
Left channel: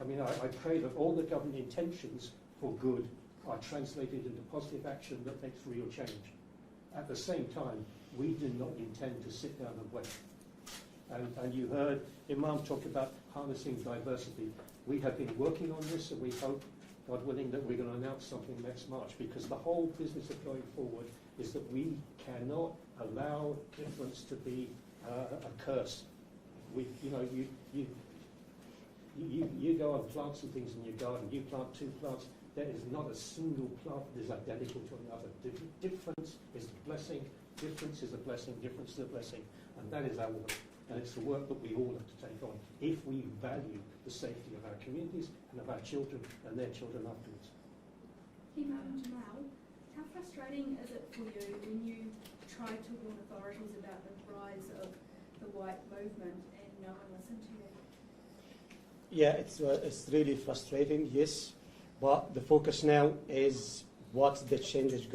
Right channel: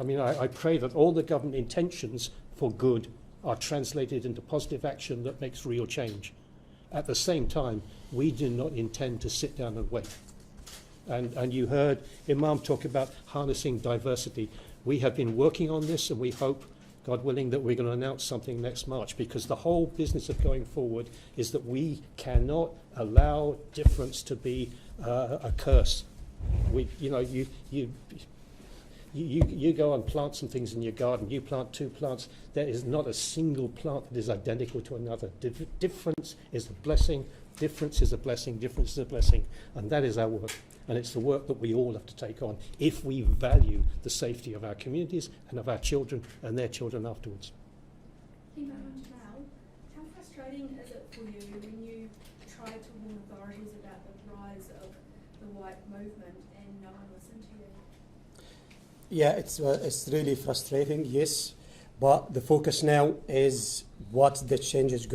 I mean, I pray that all the government intentions for good are translated into positive action that makes real change. At the same time, we do not intend to sit down and wait. And you heard Imam talk about harnessing diversity. We have been working on this, and we hope, God willing, that we're going to announce something next March, because the whole business of going forward is that we cannot allow difference to be a curse. You go and plant some things in your garden. You plant 2 plants. There is not a single plant that is identical to another. Difference is a blessing. Difference is a blessing. Difference is a blessing. And that is our work. And it's the work that we all have to take on if we value the safety of our communities and of our children and their children afterwards. Imam Jamal, how frustrating is it for you when you try to warn authorities about the rise of the white movement and no one listened to you? Yeah, it's really frustrating, yes. But the focus now is what the change is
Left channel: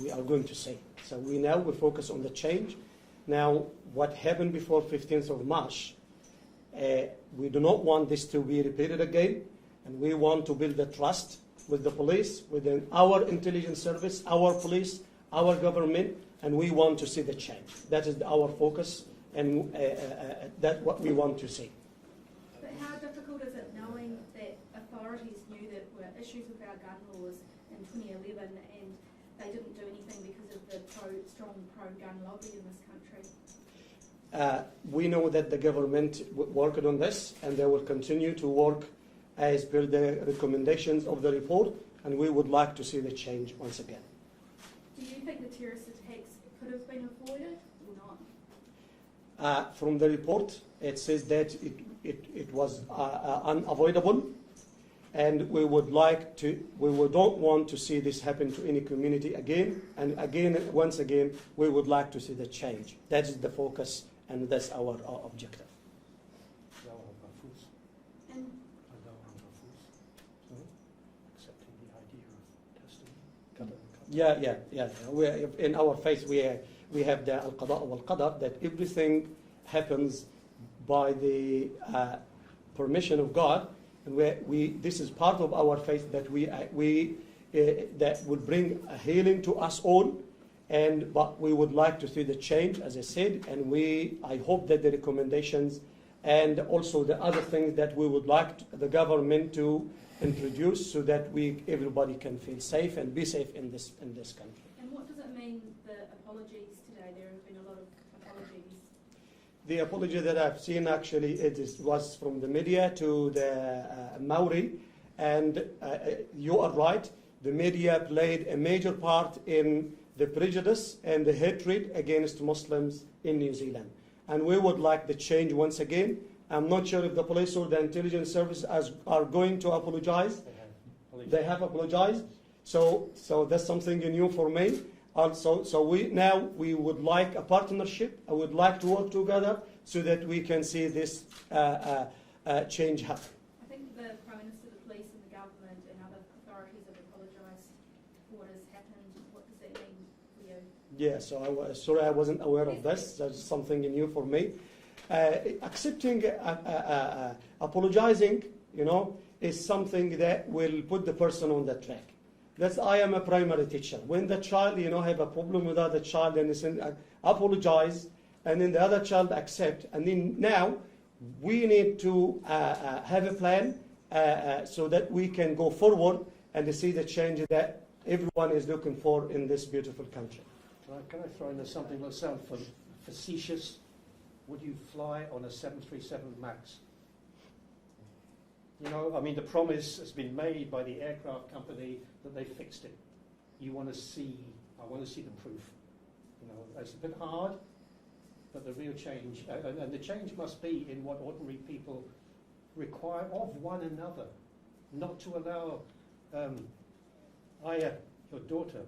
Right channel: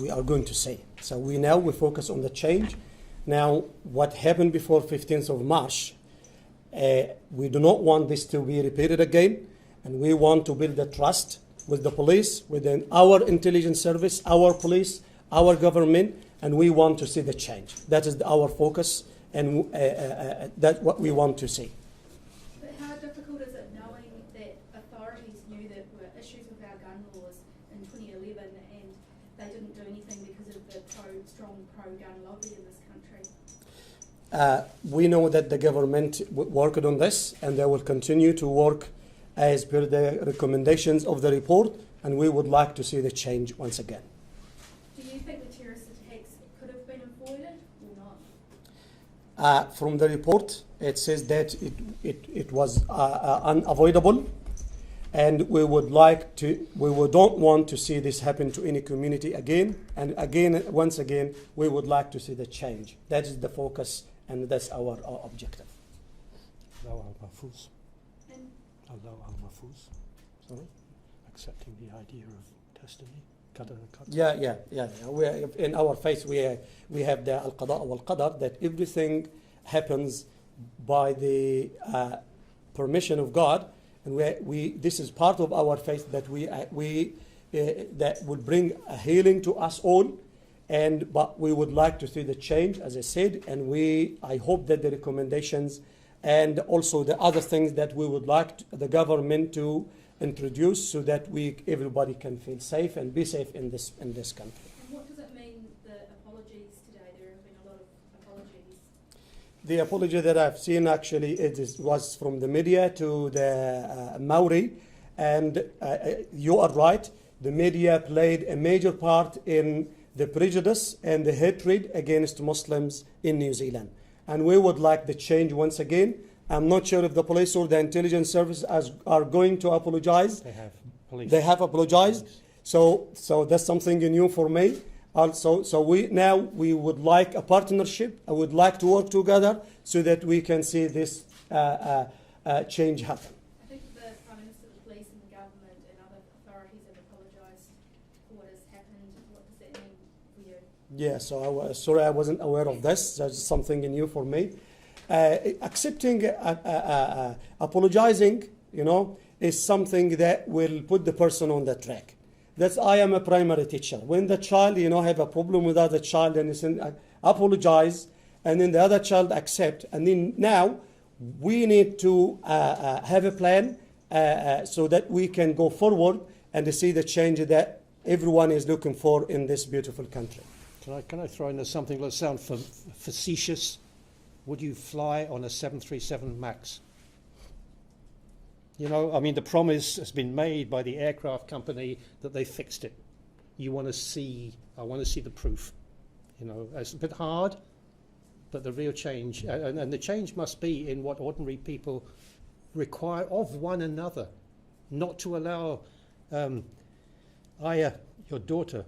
we are going to see. So we focus on the change. Now, what happened before 15th of March, we do not want this to be repeated again, and we want to build a trust with the police, within our intelligence service, our police, our government, and we want to see the change. That is our focus, and that's what we want to see. But how difficult is it knowing that authorities knew that there were issues with our gun laws in 2011 and they didn't do anything because of the strong pro-gun lobby in this country? We know that the government worked on this, and they will continue to work as per the recommendations of the report, and we would like to see the change once again. Do you think the terrorist attacks could have been avoided or not? From the report, it says that it was unavoidable, and we don't want to see this happen to any community again. And again, once again, we would like to see the change. That is the focus, and that's our objective. Accepting the idea of testimony. Yeah. In our faith, we have the al-qada wal-qadar, that everything happens by the permission of God, and this is part of our faith, that that would bring a healing to us all. But we would like to see the change, as I said, and I hope that the recommendations and also the other things that we would like the government to introduce, so that everybody can feel safe and be safe in this country. And what does it mean, the apologies today? There have been a lot of apologies. The apology that I've seen, actually, was from the media to the Maori, and you are right. The media played a major part in the prejudice and the hatred against Muslims in New Zealand. And we would like the change once again. I'm not sure if the police or the intelligence service are going to apologize. They have apologized. So that's something new for me. Also, we would like a partnership. I would like to work together so that we can see this change happen. I think the Prime Minister, the police and the government and other authorities have apologized for what has happened. What does that mean for you? Yeah, so sorry I wasn't aware of this. That's something new for me. Accepting, apologizing, is something that will put the person on the track. I am a primary teacher. When the child, have a problem with other child and apologize, and then the other child accept, and then now we need to have a plan so that we can go forward and to see the change that everyone is looking for in this beautiful country. Can I throw in something that sounds facetious? Would you fly on a 737 MAX? You know, I mean, the promise has been made by the aircraft company that they fixed it. I want to see the proof. You know, it's a bit hard, but the real change, and the change must be in what ordinary people require of one another, not to allow Aya, your daughter,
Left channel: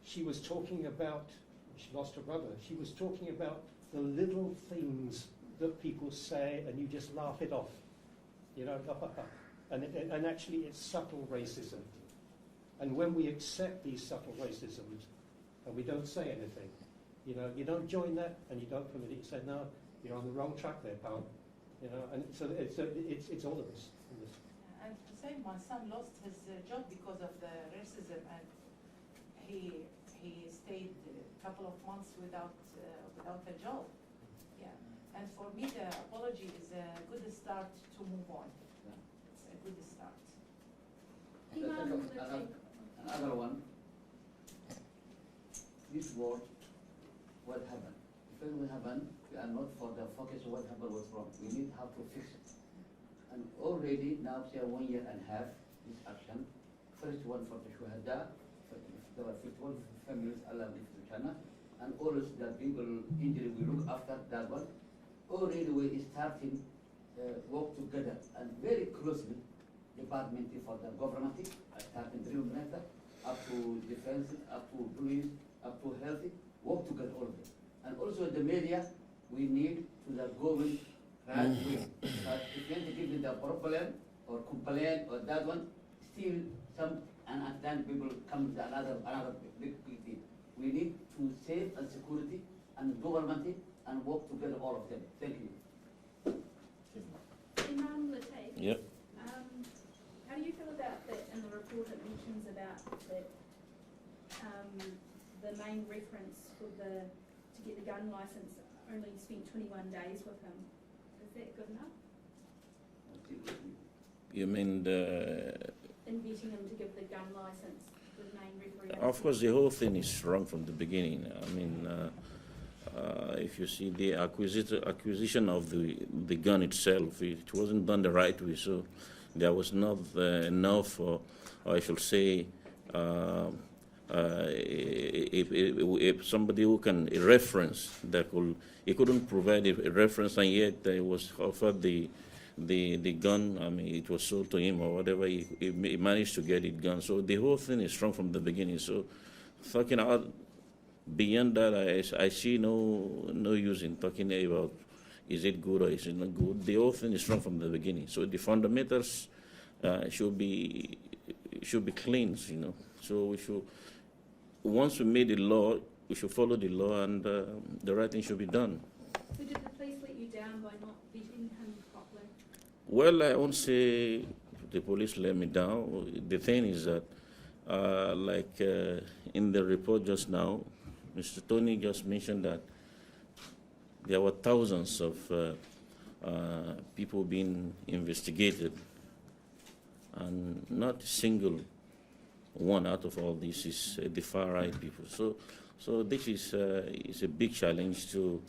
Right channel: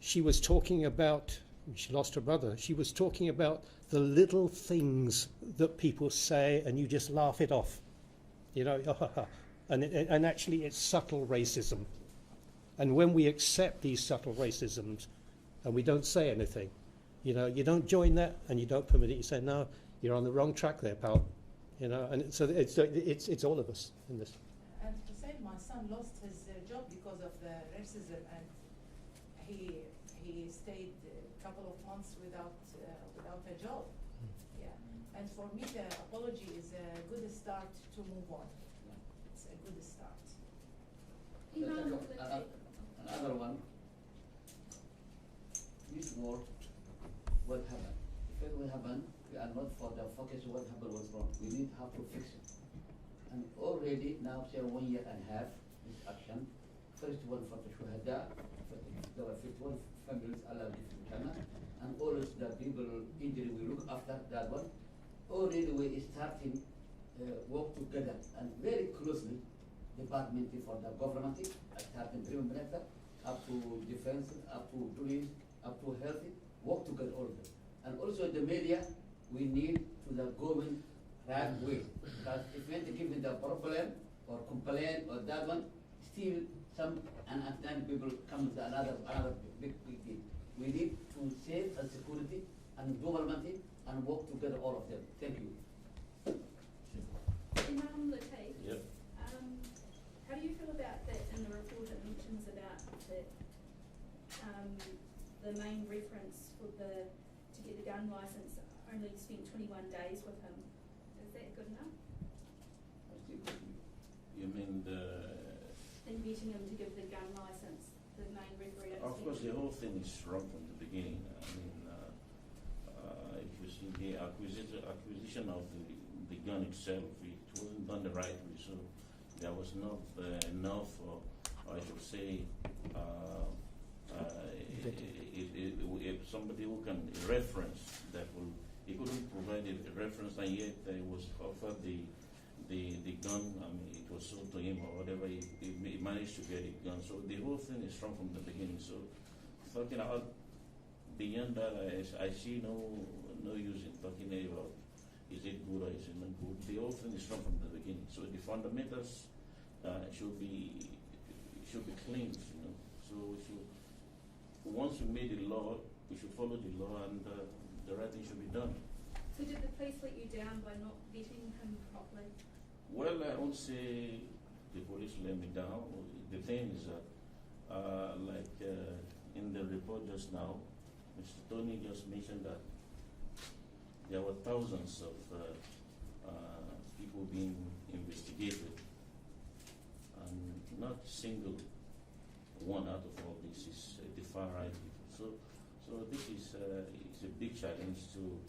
she was talking about, she lost her brother, she was talking about the little things that people say and you just laugh it off. You know, and actually it's subtle racism. And when we accept these subtle racisms and we don't say anything, you know, you don't join that and you don't permit it, you say, no, you're on the wrong track there, pal. You know, and so it's all of us in this. And to say my son lost his job because of the racism, and he stayed a couple of months without a job. Yeah, and for me the apology is a good start to move on. It's a good start. Another one. This word will happen. If it will happen, we are not for the focus of what happened was wrong. We need how to fix it. And already now say 1 year and a half this action. First one for the Shuhada, there were 51 families allowed to China, and always the people injury we look after that one. Already we starting work together and very closely, department for the government, starting Dream Minister, up to defense, up to police, up to health, work together all of them. And also the media, we need to the government right way. But if you want to give me the problem or complain or that one, still some unattended people come to another big thing. We need to save and security and government and work together all of them. Thank you. Imam Lateef, Yep. how do you feel about that in the report it mentions about that the main reference for to get the gun licence only spent 21 days with him? Is that good enough? You mean In getting him to give the gun licence, the main referee? Of course, the whole thing is wrong from the beginning. I mean, if you see the acquisition of the gun itself, it wasn't done the right way. So there was not enough, or I should say, if somebody who can a reference that will, he couldn't provide a reference, and yet he was offered the gun. I mean, it was sold to him or whatever. He managed to get it gun. So the whole thing is wrong from the beginning. So talking out beyond that, I see no use in talking about is it good or is it not good. The whole thing is wrong from the beginning. So the fundamentals should be cleansed, you know. So we should, once we made the law, we should follow the law, and the right thing should be done. So did the police let you down by not vetting him properly? Well, I won't say the police let me down. The thing is that, in the report just now, Mr. Tony just mentioned that there were thousands of people being investigated, and not a single one out of all this is the far-right people. So this is a big challenge to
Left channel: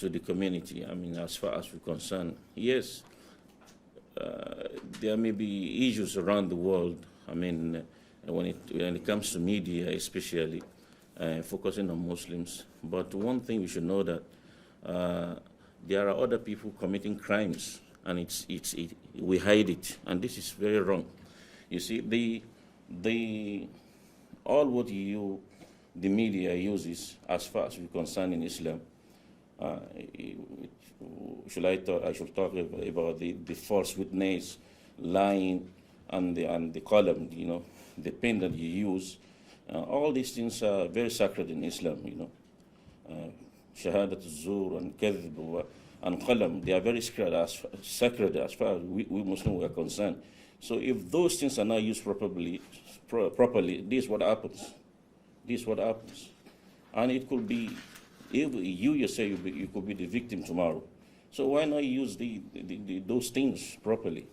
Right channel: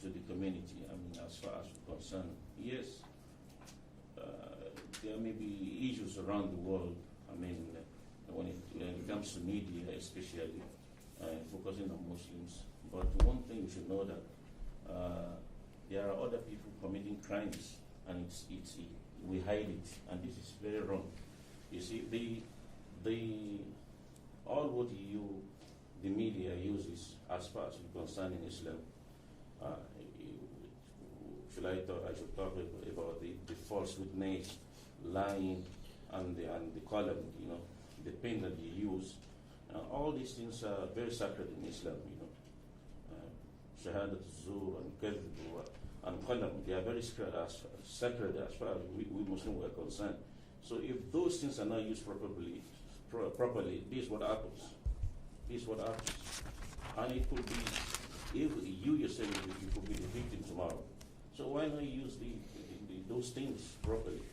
the community. I mean, as far as we're concerned, yes, there may be issues around the world. I mean, when it comes to media, especially focusing on Muslims. But one thing we should know that there are other people committing crimes, and we hide it, and this is very wrong. You see, all what the media uses, as far as we're concerned in Islam, I should talk about the false witness, lying, and the column, you know, the pen that you use. All these things are very sacred in Islam, you know. Shahadat al-zur and kadhb and qalam, they are very sacred as far as we Muslims were concerned. So if those things are not used properly, this is what happens. And it could be If you yourself, you could be the victim tomorrow. So why not use those things properly?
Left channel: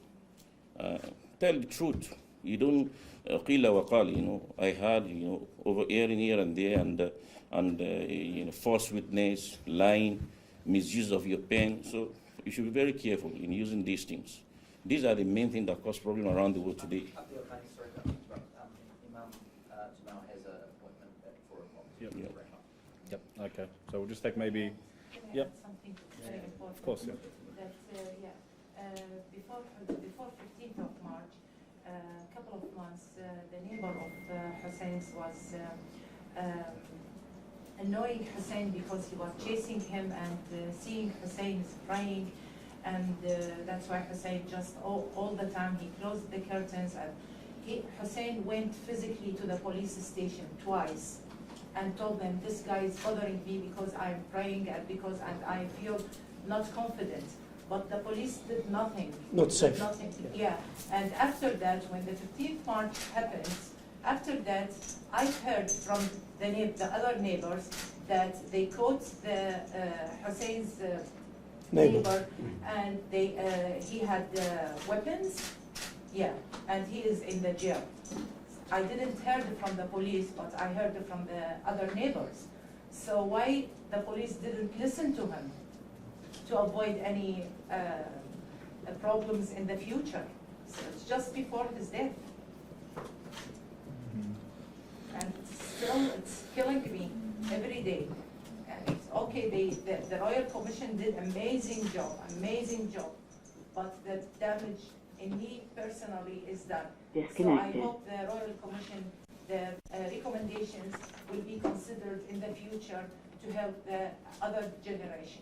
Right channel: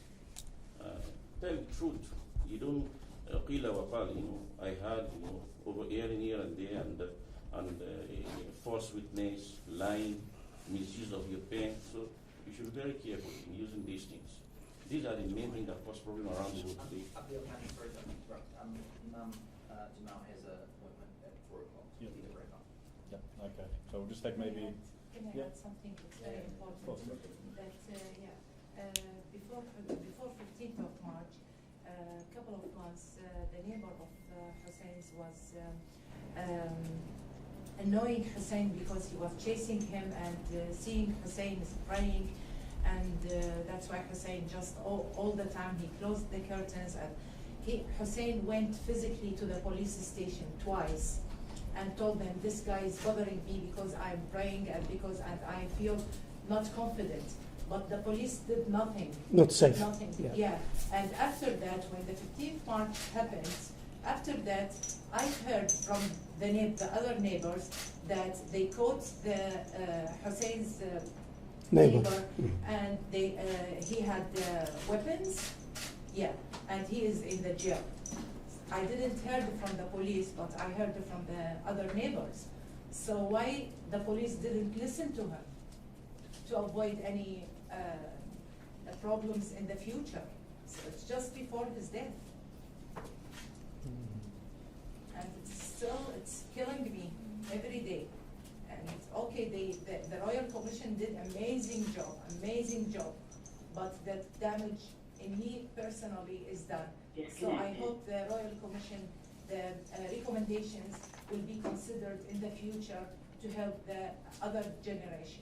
Tell the truth. You don't qila wa qali, you know. I heard, you know, over here and there, and you know, false witness, lying, misuse of your pen. So you should be very careful in using these things. These are the main things that cause problems around the world today. Yep. Okay. So we'll just take maybe. Can I add something very important? Of course. Yeah. Before 15th of March, a couple of months, the neighbor of Hussein's was annoying Hussein because he was chasing him and seeing Hussein is crying, and that's why Hussein just all the time he closed the curtains, and Hussein went physically to the police station twice and told them, this guy is bothering me because I'm praying and I feel not confident. But the police did nothing. Not safe. Nothing. Yeah. And after that, when the 15th March happens, after that, I've heard from the other neighbors that they caught the Hussein's neighbor, and he had weapons. Yeah, and he is in the jail. I didn't hear from the police, but I heard from the other neighbors. So why the police didn't listen to him to avoid any problems in the future? So it's just before his death. And it's killing me every day. And it's okay, the Royal Commission did amazing job, but the damage in me personally is done. So I hope the Royal Commission, the recommendations will be considered in the future to help the other generation.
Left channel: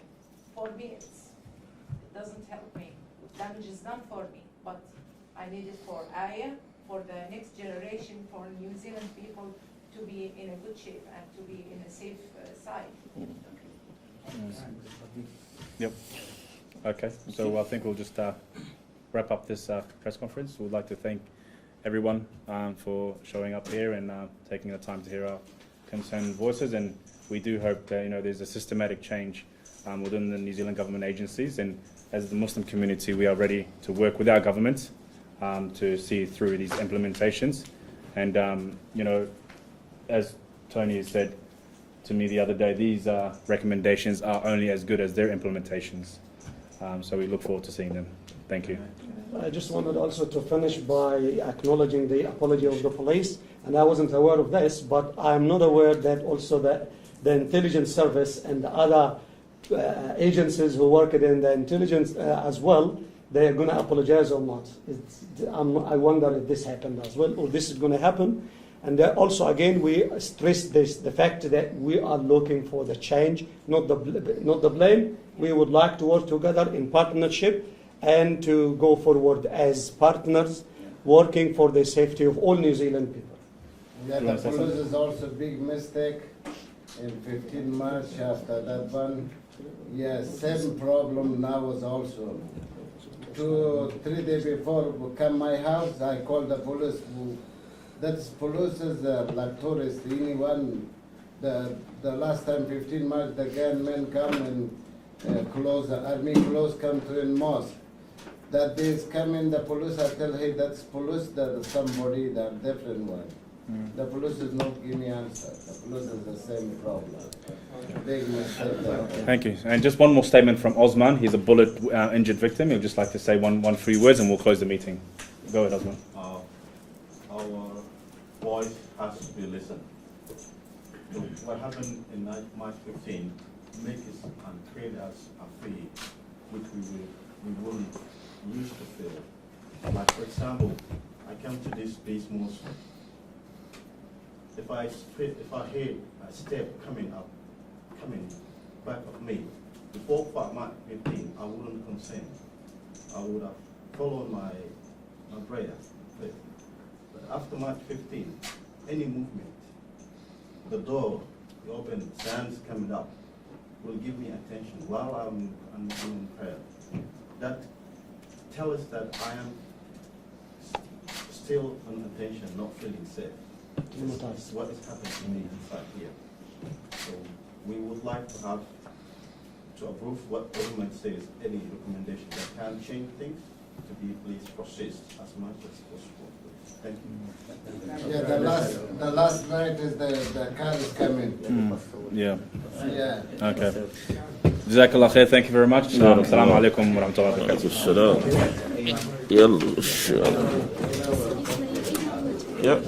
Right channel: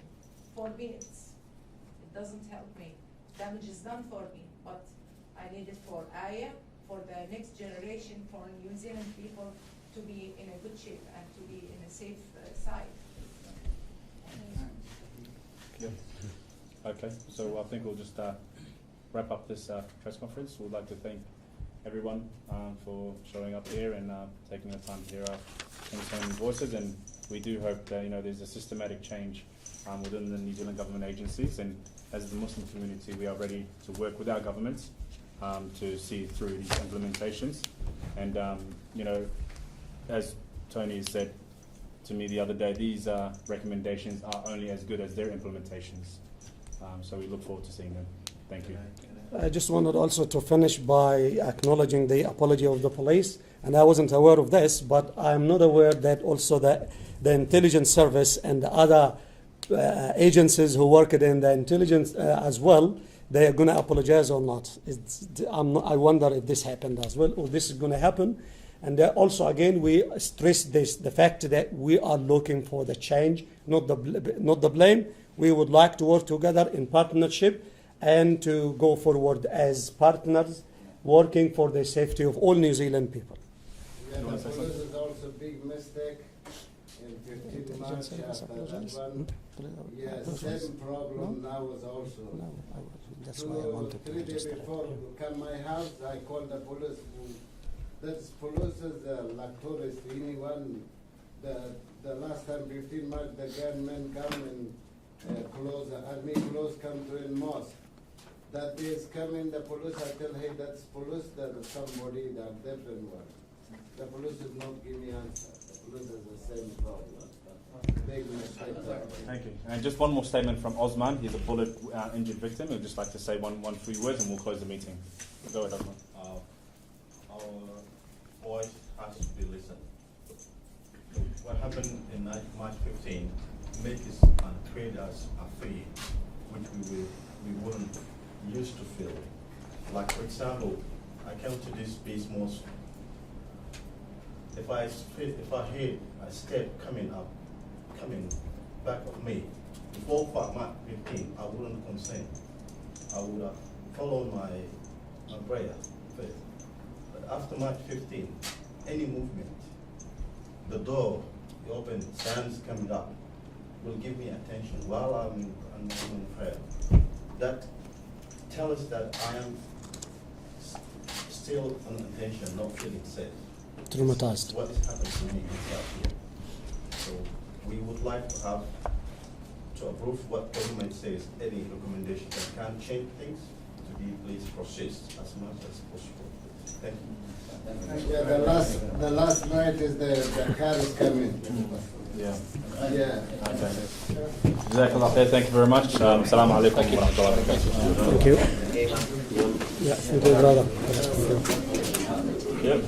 For me, it doesn't help me. Damage is done for me, but I need it for Aya, for the next generation, for New Zealand people to be in a good shape and to be in a safe side. Yep. Okay, so I think we'll just wrap up this press conference. We'd like to thank everyone for showing up here and taking the time to hear our concerned voices, and we do hope that there's a systematic change within the New Zealand government agencies, and as the Muslim community we are ready to work with our government to see through these implementations. And as Tony said to me the other day, these recommendations are only as good as their implementations, so we look forward to seeing them. Thank you. I just wanted also to finish by acknowledging the apology of the police, and I wasn't aware of this, but I'm not aware that also that the intelligence service and the other agencies who work in the intelligence as well, they're going to apologize or not. I wonder if this happened as well, or this is going to happen. And also, again, we stress the fact that we are looking for the change, not the blame. We would like to work together in partnership and to go forward as partners, working for the safety of all New Zealand people. Yeah, the police is also a big mistake. In 15 March after that one, yeah, same problem now is also. 2-3 days before come my house, I called the police. That's police is like tourists. Anyone, the last time 15 March, the gunmen come and close the army close country in mosque. That they come in the police, I tell, hey, that's police, that's somebody, that different one. The police is not giving me answer. The police is the same problem. Big mistake. Thank you. And just one more statement from Osman. He's a bullet injured victim. He'd just like to say one few words and we'll close the meeting. Go ahead, Osman. Our voice has to be listened. So what happened in March 15 makes us and create us afraid, which we wouldn't used to feel. Like, for example, I came to this space most. If I heard a step coming back of me, before March 15, I wouldn't consent. I would have followed my prayer first. But after March 15, any movement, the door open, sands coming up, will give me attention while I'm doing prayer. That tells us that I am still on attention, not feeling safe. Traumatized. What is happening to me inside here? So we would like to have to approve what government says, any recommendation that can change things, to be please processed as much as possible. Thank you. Yeah, the last night is the car is coming. Yeah. Yeah. Okay. Jazakallah khair. Thank you very much. Assalamu alaikum wa rahmatullahi wa barakatuh. يلا. Yep.